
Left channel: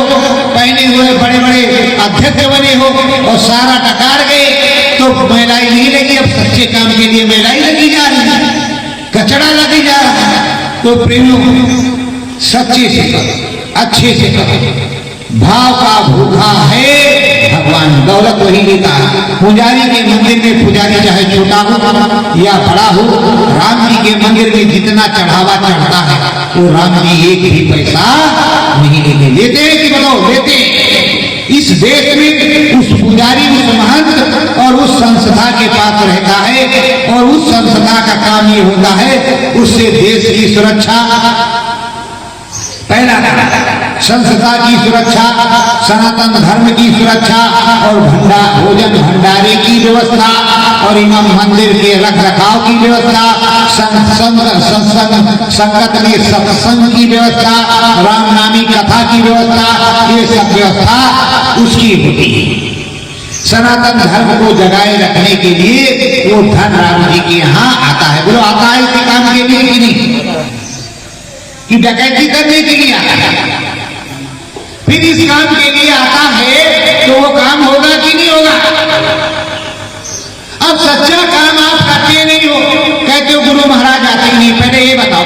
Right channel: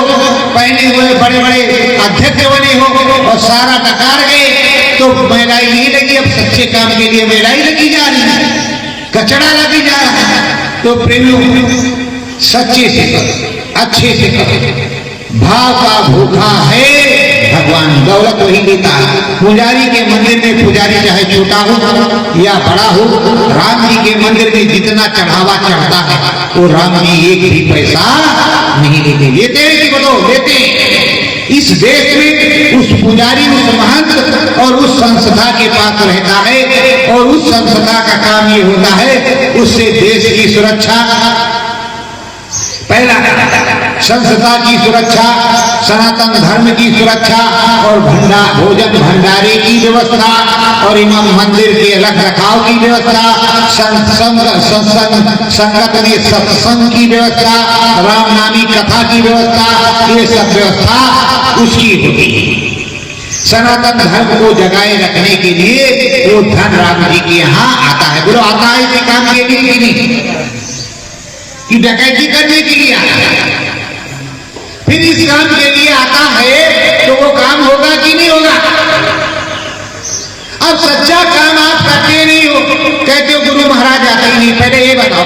पहने हुए बड़े बड़े अध्यक्ष बने हो और सारा डकार गए तो महंगाई नहीं लगी। अब सच्चे काम के लिए महंगाई लगी जा रही है, कचड़ा लगी जा रहा है। तो प्रेमियों सच्चे से करो, अच्छे से करो। भाव का भूखा है भगवान, दौलत वही देता है। पुजारी के मंदिर में पुजारी चाहे छोटा हो या बड़ा हो, राम जी के मंदिर में जितना चढ़ावा चढ़ता है तो राम जी एक भी पैसा नहीं लेते। लेते हैं कि बताओ? लेते हैं। इस देश में उस पुजारी, उस महंत और उस संस्था के पास रहता है और उस संस्था का काम ये होता है उससे देश की सुरक्षा, पहला संस्था की सुरक्षा, सनातन धर्म की सुरक्षा और भोजन भंडारे की व्यवस्था और इमाम मंदिर के रख रखाव की व्यवस्था, संगत में सत्संग की व्यवस्था, रामनामी कथा की व्यवस्था, ये सब व्यवस्था उसकी होती है। सनातन धर्म को जगाए रखने के लिए वो धन राम जी के यहाँ आता है। बोलो आता है इसी काम के लिए कि नहीं? कि डकैती करने के लिए आता है? फिर इस काम के लिए आता है तो वो काम होगा कि नहीं होगा? अब सच्चा काम आप करते नहीं हो, कहते हो गुरु महाराज आते ही नहीं। पहले ये बताओ,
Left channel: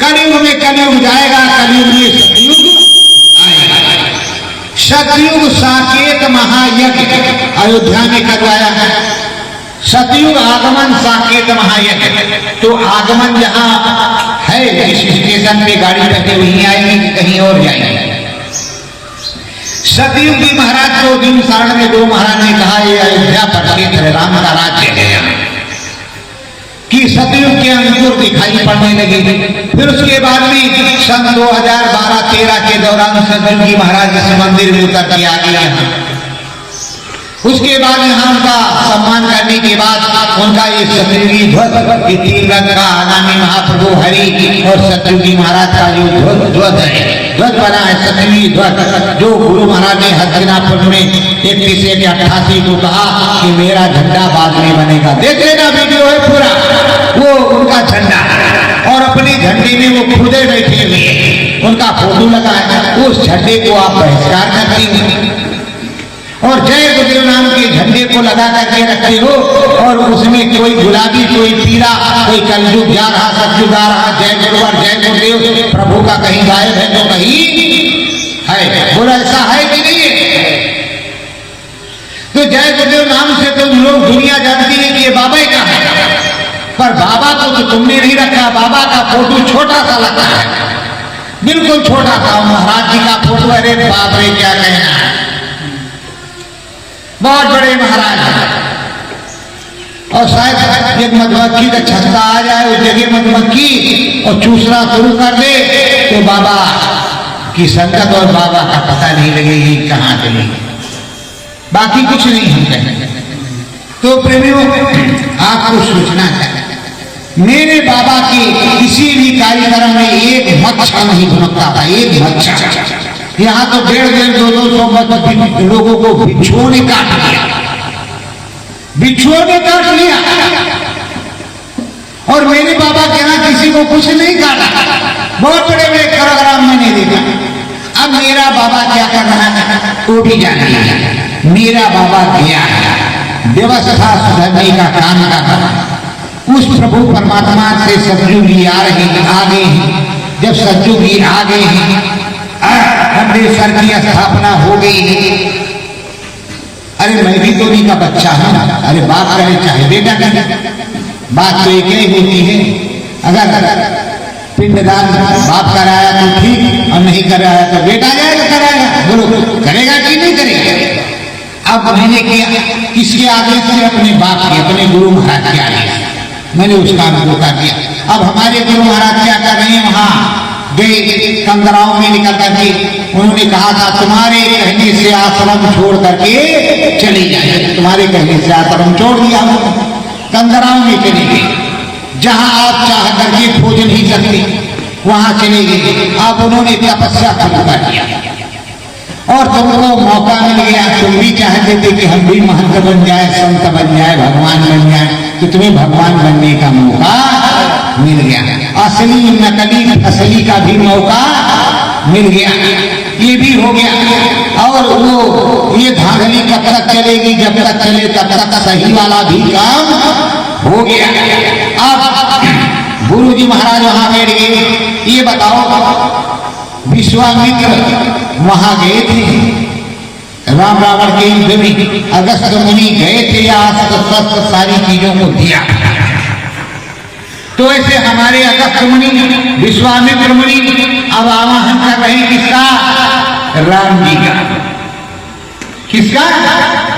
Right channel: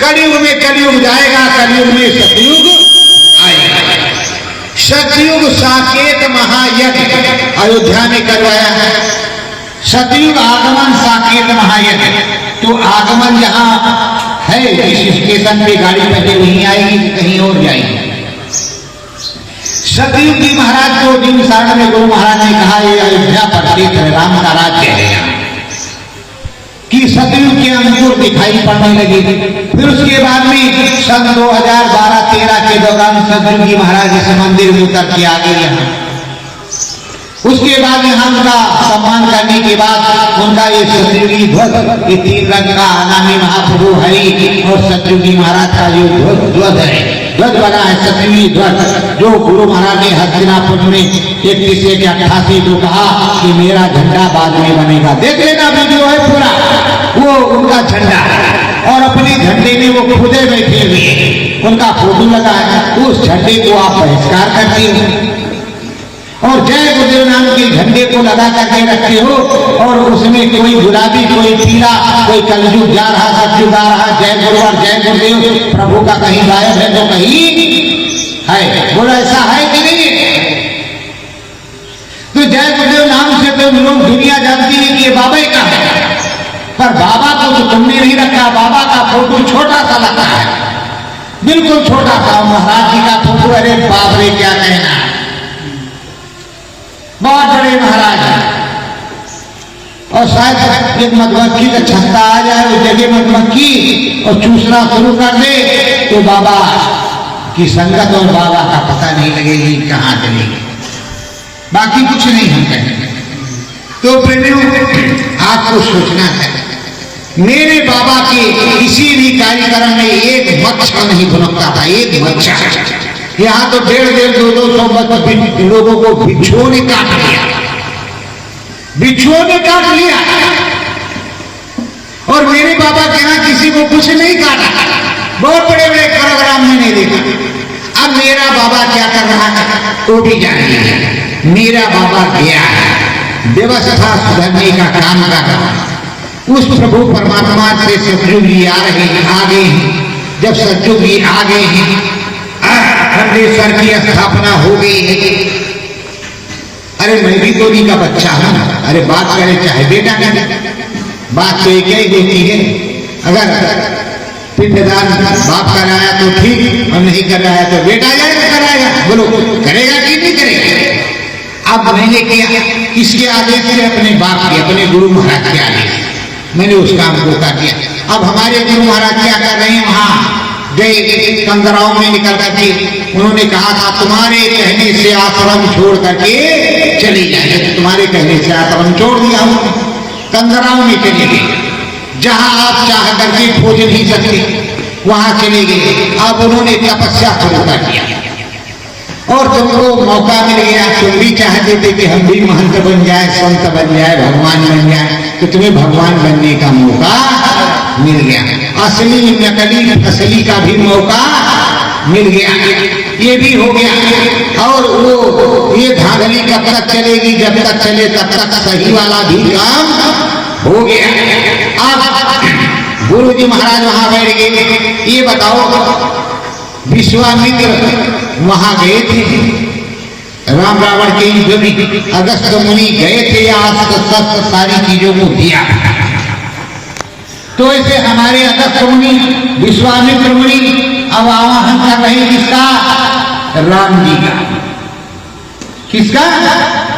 कलयुग में कलयुग जाएगा, कलयुग में सतयुग सतयुग साकेत महायज्ञ अयोध्या में करवाया है। सतयुग आगमन साकेत महायज्ञ, तो आगमन जहां है इस स्टेशन पे गाड़ी करके वहीं आएगी कि कहीं और जाएगी। सतयुग जी महाराज को दिन शरण में गुरु महाराज ने कहा ये अयोध्या पर क्षेत्र राम का राज्य है कि सतयुग के अंकुर दिखाई पड़ने लगे। फिर उसके बाद में सन 2012-13 के दौरान सतयुग जी महाराज इस मंदिर में उतर के आ गए हैं। उसके बाद यहाँ उनका सम्मान करने के बाद उनका ये सतयुगी ध्वज, ये 3 रंग का आगामी महाप्रभु हरि और सतयुगी महाराज का जो ध्वज है, ध्वज बना है सतयुगी ध्वज, जो गुरु महाराज ने हस्तिनापुर में 31-88 को कहा कि मेरा झंडा बाद में बनेगा। देख लेना वीडियो है पूरा, वो उनका झंडा और अपने झंडे में वो खुदे बैठे हुए उनका फोटो लगा है। उस झंडे को आप बहिष्कार करते हो और जय गुरुदेव नाम के झंडे को लगा करके रखे हो और उसमें कोई गुलाबी, कोई पीला, कोई कलयुग जा रहा, सतयुग आ रहा, जय गुरुवर जय गुरुदेव प्रभु का कहीं गायब है तो कहीं है। बोला ऐसा है कि नहीं है? तो जय गुरुदेव नाम से तो लोग दुनिया जानती है कि ये बाबा का है, पर बाबा को तो तुमने नहीं रखा। बाबा का फोटो छोटा सा लगता है, बिल्कुल छोटा सा। महाराज जी का फोटो, अरे बाप रे क्या कहना है, बहुत बड़े महाराज हैं। और शायद एक मधुमक्खी का छत्ता आ जाए उस जगह मधुमक्खी और चूसना शुरू कर दे तो बाबा की संगत और बाबा का पता नहीं लगेगी कहाँ चलेगी। बाकी कुछ नहीं हम कहेंगे। तो प्रेमियों, आपको सोचना है, मेरे बाबा के किसी भी कार्यक्रम में एक मच्छर नहीं भुनकता था, एक मच्छर। यहाँ तो 150-200 लोगों को बिच्छुओं ने काट लिया, बिच्छुओं ने काट लिया। और मेरे बाबा के यहाँ किसी को कुछ नहीं काटा। बहुत बड़े बड़े कार्यक्रम मैंने देखा। अब मेरा बाबा क्या कर रहा है वो भी जानिए। मेरा बाबा गया है व्यवस्था सुधरने का काम कर रहा। उस प्रभु परमात्मा से सतयुग जी आ गए हैं। जब सतयुग जी आ गए हैं, खंडेश्वर की स्थापना हो गई है। अरे मैं भी तो उन्हीं का बच्चा हूं। अरे बाप करे चाहे बेटा करे, बात तो एक ही होती है। अगर पिंडदान बाप कराया तो ठीक, और नहीं कराया तो बेटा कराया। बोलो करेगा कि नहीं करेगा? अब मैंने किया किसके आदेश से? अपने बाप के, अपने गुरु महाराज के आदेश से मैंने उस काम को कर दिया। अब हमारे गुरु महाराज क्या कर रहे हैं? वहां गए कंदराव में निकल करके उन्होंने कहा था तुम्हारे कहने से आश्रम छोड़ करके चली जाए। तुम्हारे कहने से आश्रम छोड़ दिया। कंदराव में चले गए, जहां आप चाह करके खोज नहीं सकते वहां चले गए। अब उन्होंने तपस्या शुरू कर दिया और तुमको मौका मिल गया। तुम भी चाहते थे कि हम भी महंत बन जाए, संत बन जाए, भगवान बन जाए, तो तुम्हें भगवान बनने का मौका मिल गया। असली नकली असली का भी मौका मिल गया, ये भी हो गया। और वो ये धांधली कब तक चलेगी? जब तक चले तब तक सही वाला भी काम हो गया। अब गुरु जी महाराज वहां बैठ गए। ये बताओ, विश्वामित्र वहां गए थे राम रावण के युद्ध में, अगस्त मुनि गए थे, आप सारी चीजों को दिया। तो ऐसे हमारे अगस्त मुनि, विश्वामित्र मुनि अब आवाहन कर रहे हैं किसका? राम जी का। किसका?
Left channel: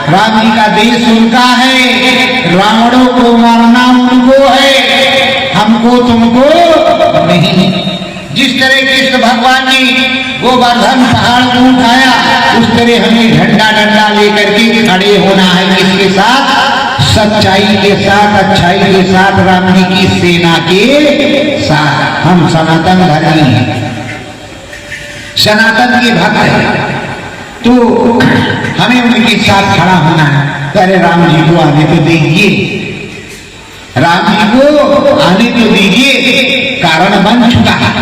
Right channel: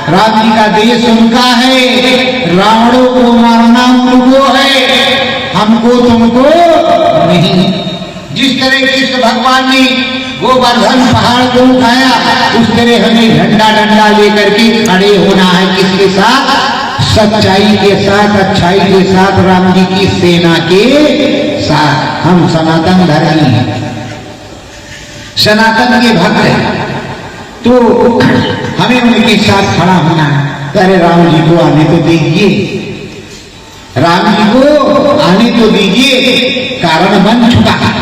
राम जी का। देश उनका है, रावणों को मारना उनको है, हमको तुमको नहीं। जिस तरह कृष्ण भगवान ने गोवर्धन पहाड़ को उठाया, उस तरह हमें झंडा डंडा लेकर के खड़े होना है। किसके साथ? सच्चाई के साथ, अच्छाई के साथ, राम जी की सेना के साथ। हम सनातन धर्मी हैं, सनातन के भक्त हैं, तो हमें उनके साथ खड़ा होना है। अरे राम जी को आने तो दीजिए, राम जी को आने तो दीजिए, कारण बन चुका है।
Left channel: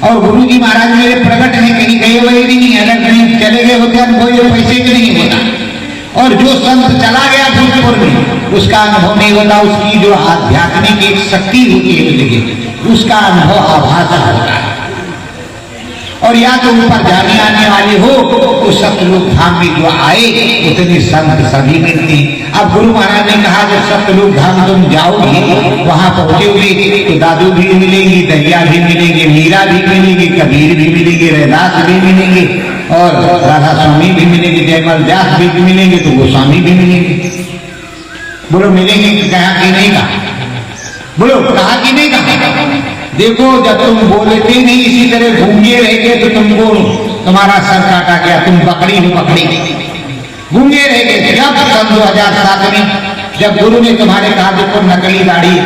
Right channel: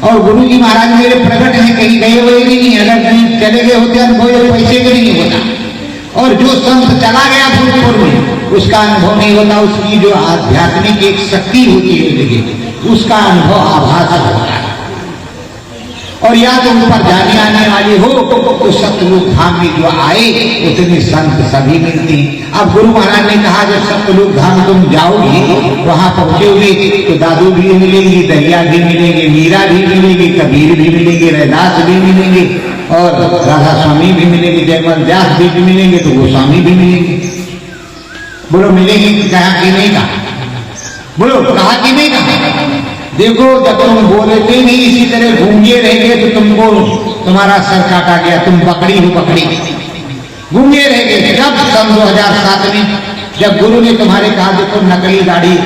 और गुरु जी महाराज मेरे प्रकट है, कहीं गए हुए नहीं। अगर कहीं चले गए होते कोई पैसे का नहीं होता। और जो संत चला गया भूतपुर में, उसका अनुभव नहीं होता। उसकी जो आध्यात्मिक एक शक्ति होती है, उसका अनुभव आभास होता है। और या तो ऊपर जाने आने वाले हो तो सतलुज धाम में जो आए उतने संत सभी मिलते हैं। अब गुरु महाराज ने कहा जब सतलुज धाम तुम जाओगे वहां पहुंचोगे तो दादू भी मिलेंगे, दहिया भी मिलेंगे, मीरा भी मिलेंगे, कबीर भी मिलेंगे, रैदास भी मिलेंगे और राधा स्वामी भी मिलेंगे, जयमल व्यास भी मिलेंगे, तो गोस्वामी भी मिलेंगे। बोलो मिलेंगे कहा कि नहीं कहा? बोलो कहा कि नहीं कहा? देखो जब तुम बोलते नहीं इसी तरह गूंगे रह गए तो तुमको तुम्हारा सर काटा गया, तुम पकड़ी हो पकड़ी, गूंगे रह गए। जब सन 2007 में जब गुरु ने तुम्हारे कहा देखो नकली दाढ़ी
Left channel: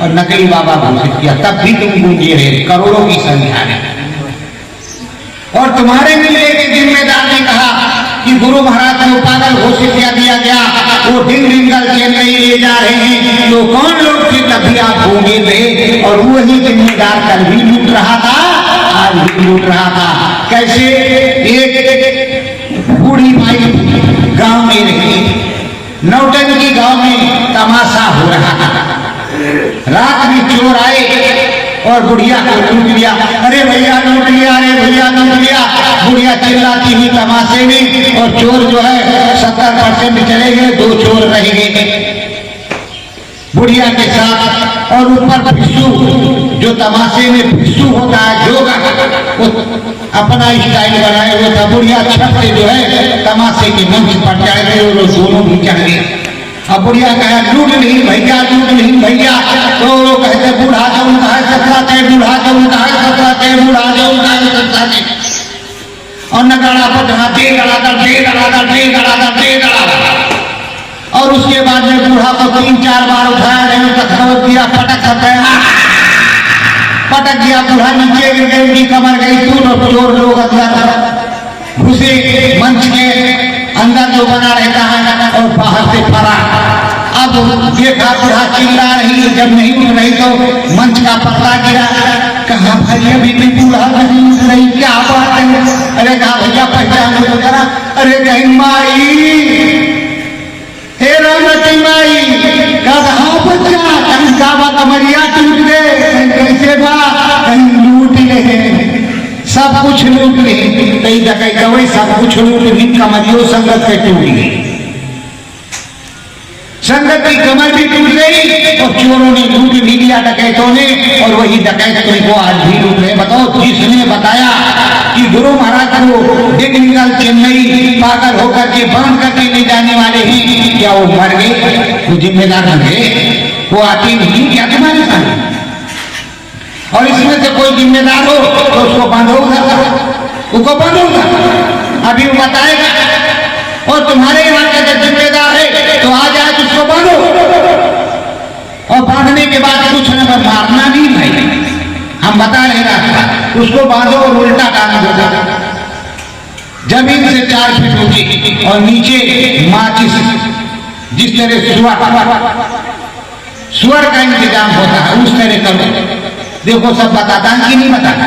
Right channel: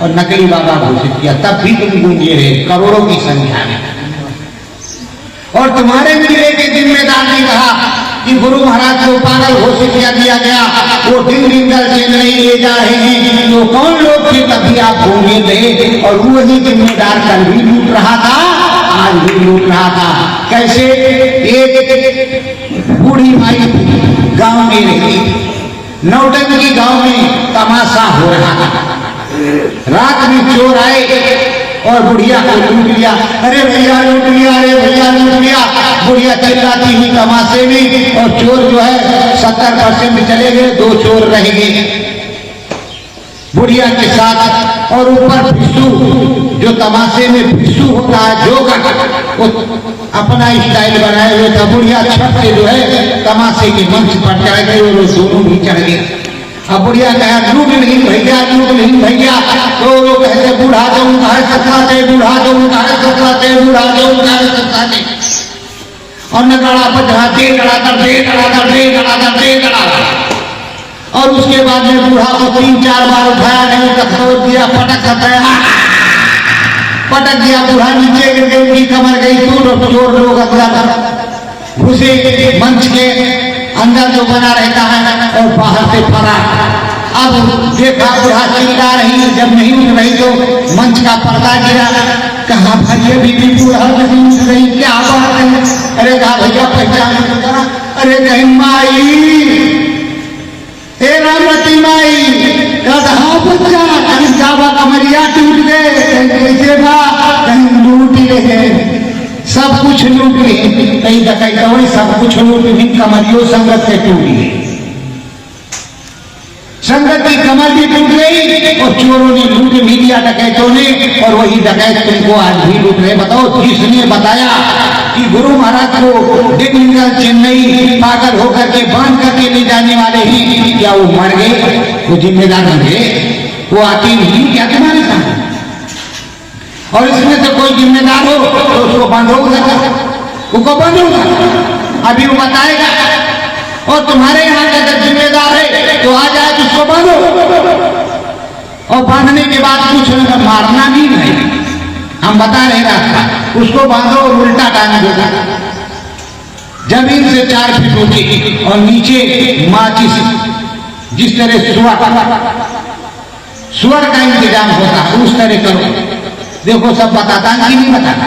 और नकली बाबा घोषित किया, तब भी तुम गूंगे रहे करोड़ों की संख्या में। और तुम्हारे मिलने के जिम्मेदार ने कहा कि गुरु महाराज को पागल घोषित किया दिया गया, वो दिन दिनगल चेन्नई ले जा रहे हैं, तो कौन लोग थे तब भी आप गूंगे थे। और वही जिम्मेदार कल भी लूट रहा था, आज भी लूट रहा था। कैसे? एक बूढ़ी माई गांव में रही, नौटंकी गांव में तमाशा हो रहा था। रात में चोर आए और बुढ़िया को लूट लिया। अरे भैया लूट लिया, अरे भैया लूट लिया। बुढ़िया चिल्लाती हुई तमाशे में, और चोर जो है 70% चले गए, 2 चोर रह गए बुढ़िया के साथ। और ऊपर भिक्षु जो तमाशे में भिक्षु होता है जोगा, वो अपना स्टाइल बनाए हुए था। बुढ़िया छत से जो है तमाशे के मंच पर चढ़ गए और दोनों भी चढ़ गए। अब बुढ़िया कहा लूट नहीं भैया, लूट नहीं भैया। तो कहते बूढ़ा जाऊं कहा सत्ता के, बूढ़ा जाऊं कहा सत्ता के, बूढ़ा जाऊं कहा सत्ता के। और नगाड़ा बजा दे गड़ा कर दे गड़ा कर दे गड़ा कर दे गड़ा। और उसके बाद में बूढ़ा को 3-4 बार उठाया, नहीं उसका खरोच दिया, पटक सकता पटक दिया। बूढ़ा नीचे गिर गई, उनकी कमर गई टूट। चोर लोग अंदर घुसे, मंच के अंदर जो बना रहता है और बाहर से फरार। अब देखा बूढ़ा चिल्ला रही, जब नहीं उठ रही तो मंच का पर्दा गिरा। कहा भाई अभी भी बूढ़ा नहीं उठ रही, क्या बात है? अरे कहा भैया पहचान तो करा। अरे कहीं माई, हे रामती माई, कहा बच्चा कहीं काबा कमरिया टूट गए, कैसे बा? कहीं लूट गए, सब कुछ लूट ले, कहीं डकैता हुई, सब कुछ लूट भी, कमरियों संगत से टूट गई, संगत की कमर भी टूट गई और चोरों ने लूट भी लिया डकैतों ने। और वही डकैत तुमको आज भी लूट रहे। बताओ जिसने बताया कि गुरु महाराज को दिग्विजय चेन्नई पागल होकर के बांध करके ले जाने वाले ही, क्या वो मर गए? वो जिम्मेदार मर गए? वो आते नहीं क्या तुम्हारे साथ? और इसमें से कोई जिम्मेदार हो तो उसको बांधोगा, उसको बांधोगा, अभी वो बताएगा। और तुम्हारे यहाँ का अगर जिम्मेदार है तो आ जाए उसको बांधो। और बांधने के बाद कुछ न मारना भी नहीं, हम बता रहे रास्ता, उसको बांधो और उल्टा टांग दो, जमीन से 4 फीट ऊंची और नीचे माचिस, जिस तरह सुअर का इंतजाम होता है उस तरह करो। देखो सब बताता है कि नहीं बताता?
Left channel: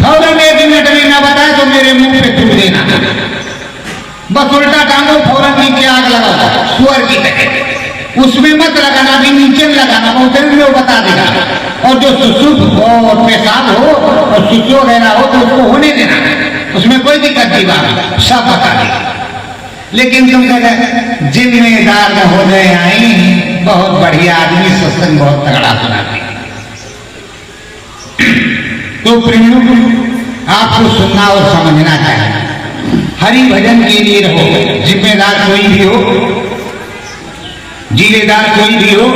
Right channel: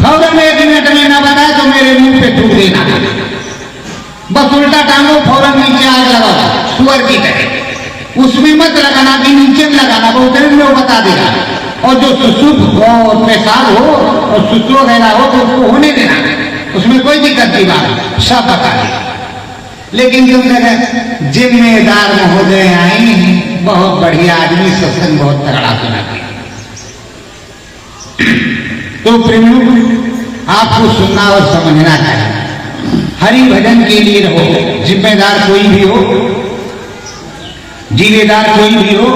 फौरन 1 मिनट में ना बताए तो मेरे मुंह पे थूक देना, बस उल्टा टांगो, फौरन नीचे आग लगाओ सुअर की तरह। उसमें मत लगाना, भी नीचे में लगाना, बहुत देर में वो बता देगा। और जो सुसुप और पेशाब हो और सुसु वगैरह हो तो उसको होने देना, उसमें कोई दिक्कत नहीं, बात सब बता देगा। लेकिन तुम जिम्मेदार महोदय आई, बहुत बढ़िया आदमी, सत्संग बहुत तगड़ा सुनाते। तो प्रेमियों आपको सुनना और समझना चाहिए। हरि भजन के लिए रहो, जिम्मेदार कोई भी हो, जिम्मेदार कोई भी हो,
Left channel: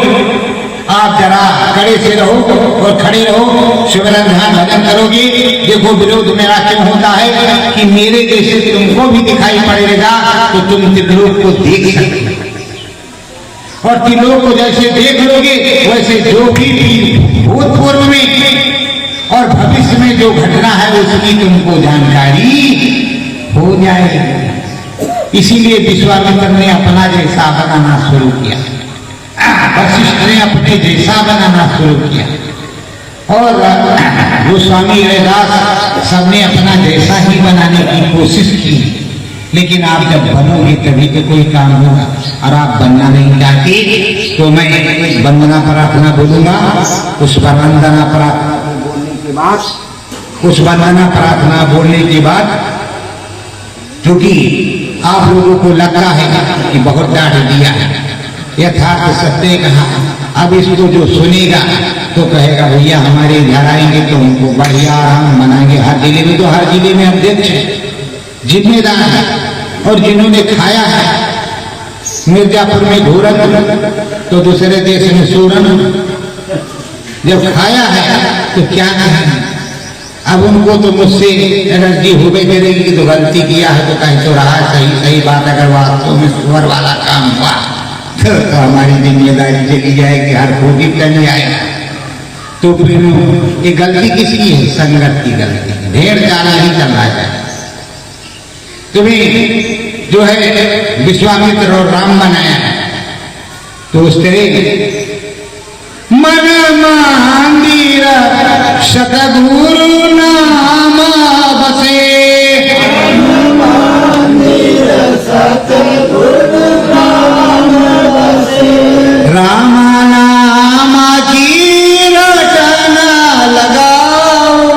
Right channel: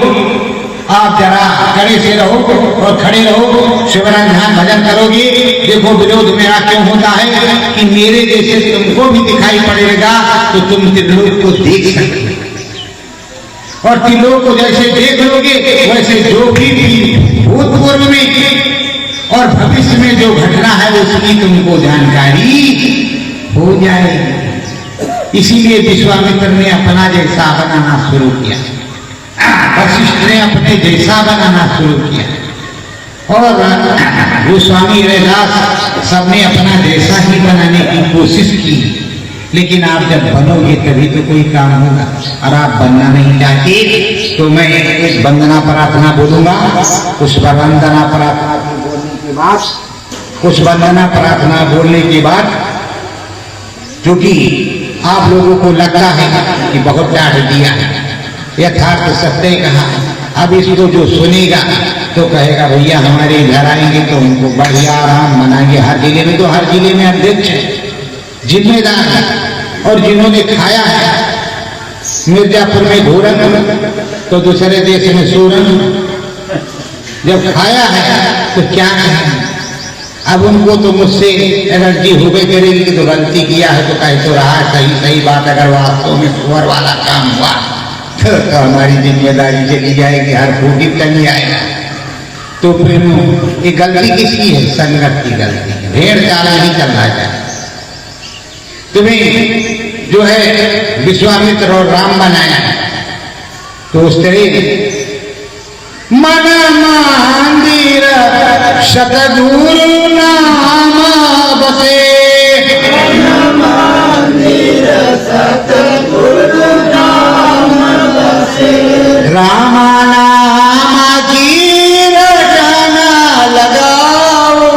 आप जरा कड़े से रहो और खड़े रहो, शिवराम ध्यान भजन करोगे। देखो विरोध मेरा क्यों होता है कि मेरे जैसे तुमको भी दिखाई पड़ेगा तो तुम त्रिलोक को देख सकते, और त्रिलोक को जैसे देख लोगे वैसे जो भी भूतपूर्व में और भविष्य में जो घटना है उसकी तुमको जानकारी हो जाएगी। इसीलिए विश्वामित्र ने अपना जैसा बनाना शुरू किया, वशिष्ठ ने अपने जैसा बनाना शुरू किया, और गोस्वामी रैदास सबने अपना जैसा ही बनाने की कोशिश की। लेकिन आप जब बनोगे तभी तो कोई काम होगा, और आप बनना नहीं चाहते तो मैं एक वंदना प्रार्थना बोलूंगा। उस पर वंदना प्रार्थना के बोलने के बाद कुछ वंदना प्रार्थना बोलने के बाद, क्योंकि आप लोगों को लगता है कि बहुत डांट दिया है, यथार्थ सत्य कहा, अब इसको जो सुनेगा तो कहेगा भैया हमारे घर आएंगे तो उनको बढ़िया आराम मनाएंगे। हर जिले में, तो हर जिले में अध्यक्ष जिम्मेदार है, और जिन्होंने खाया है मिर्जापुर में घोरन तो दूसरे देश में सूरन, जब खाया है तो क्या कहें। अब उनको तो मुझसे एनर्जी हो गई करेगी कि तो गलती किया है तो कहे तो रहा सही सही बात, अगर वास्तव में सुअर वाला काम हुआ तो हमारी जिम्मेदारी चली जाएगी, हर फूटी नहीं आएगा। तो फिर ये गलती किसकी है? संगत की गलती, भेड़ चाल नहीं चलना चाहिए। तुम्हें जो है विश्वामित्र और राम बनाया तो उस तरह मन मंदिर सतगुरु नाम बसे, राम नाम की रचना लगाओ,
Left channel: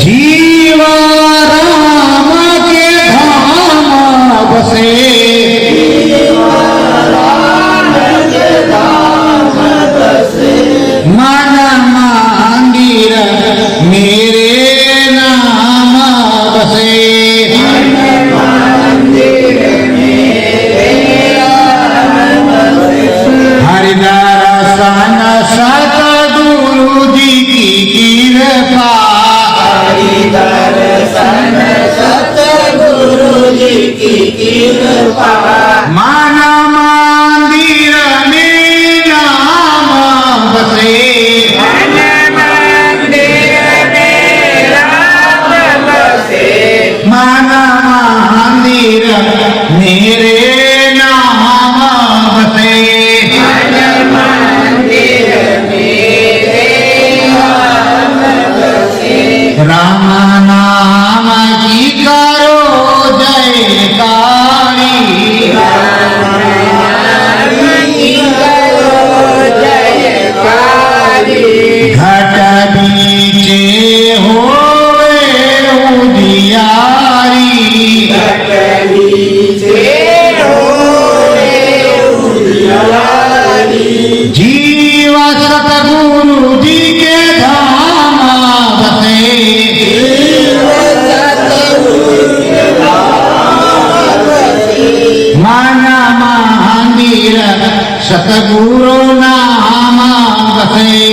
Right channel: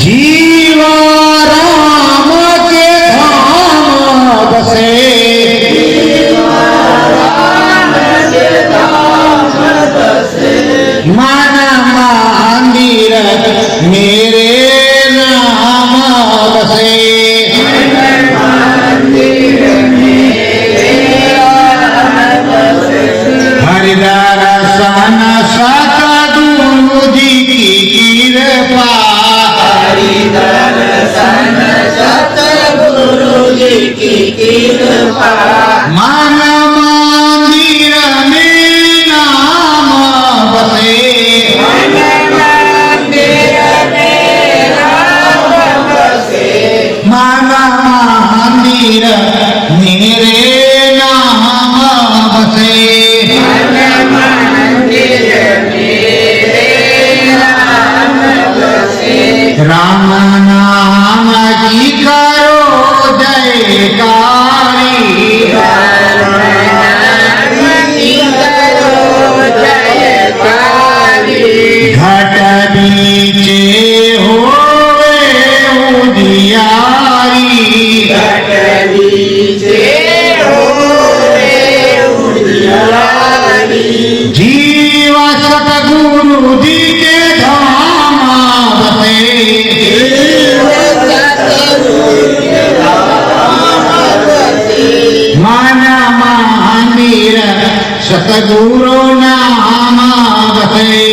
जीवा राम के धाम बसे, मन मंदिर मेरे नाम बसे, हरिदर्शन सतगुरु जी की कृपा, हरिदर्शन सतगुरु जी की कृपा, मन मंदिर में नाम बसे, मन मंदिर मेरे नाम बसे, राम नाम की करो जयकारी, घट बीचे होवे उजियारी, जीवा सतगुरु जी के धाम बसे, मन मंदिर सतगुरु नाम बसे,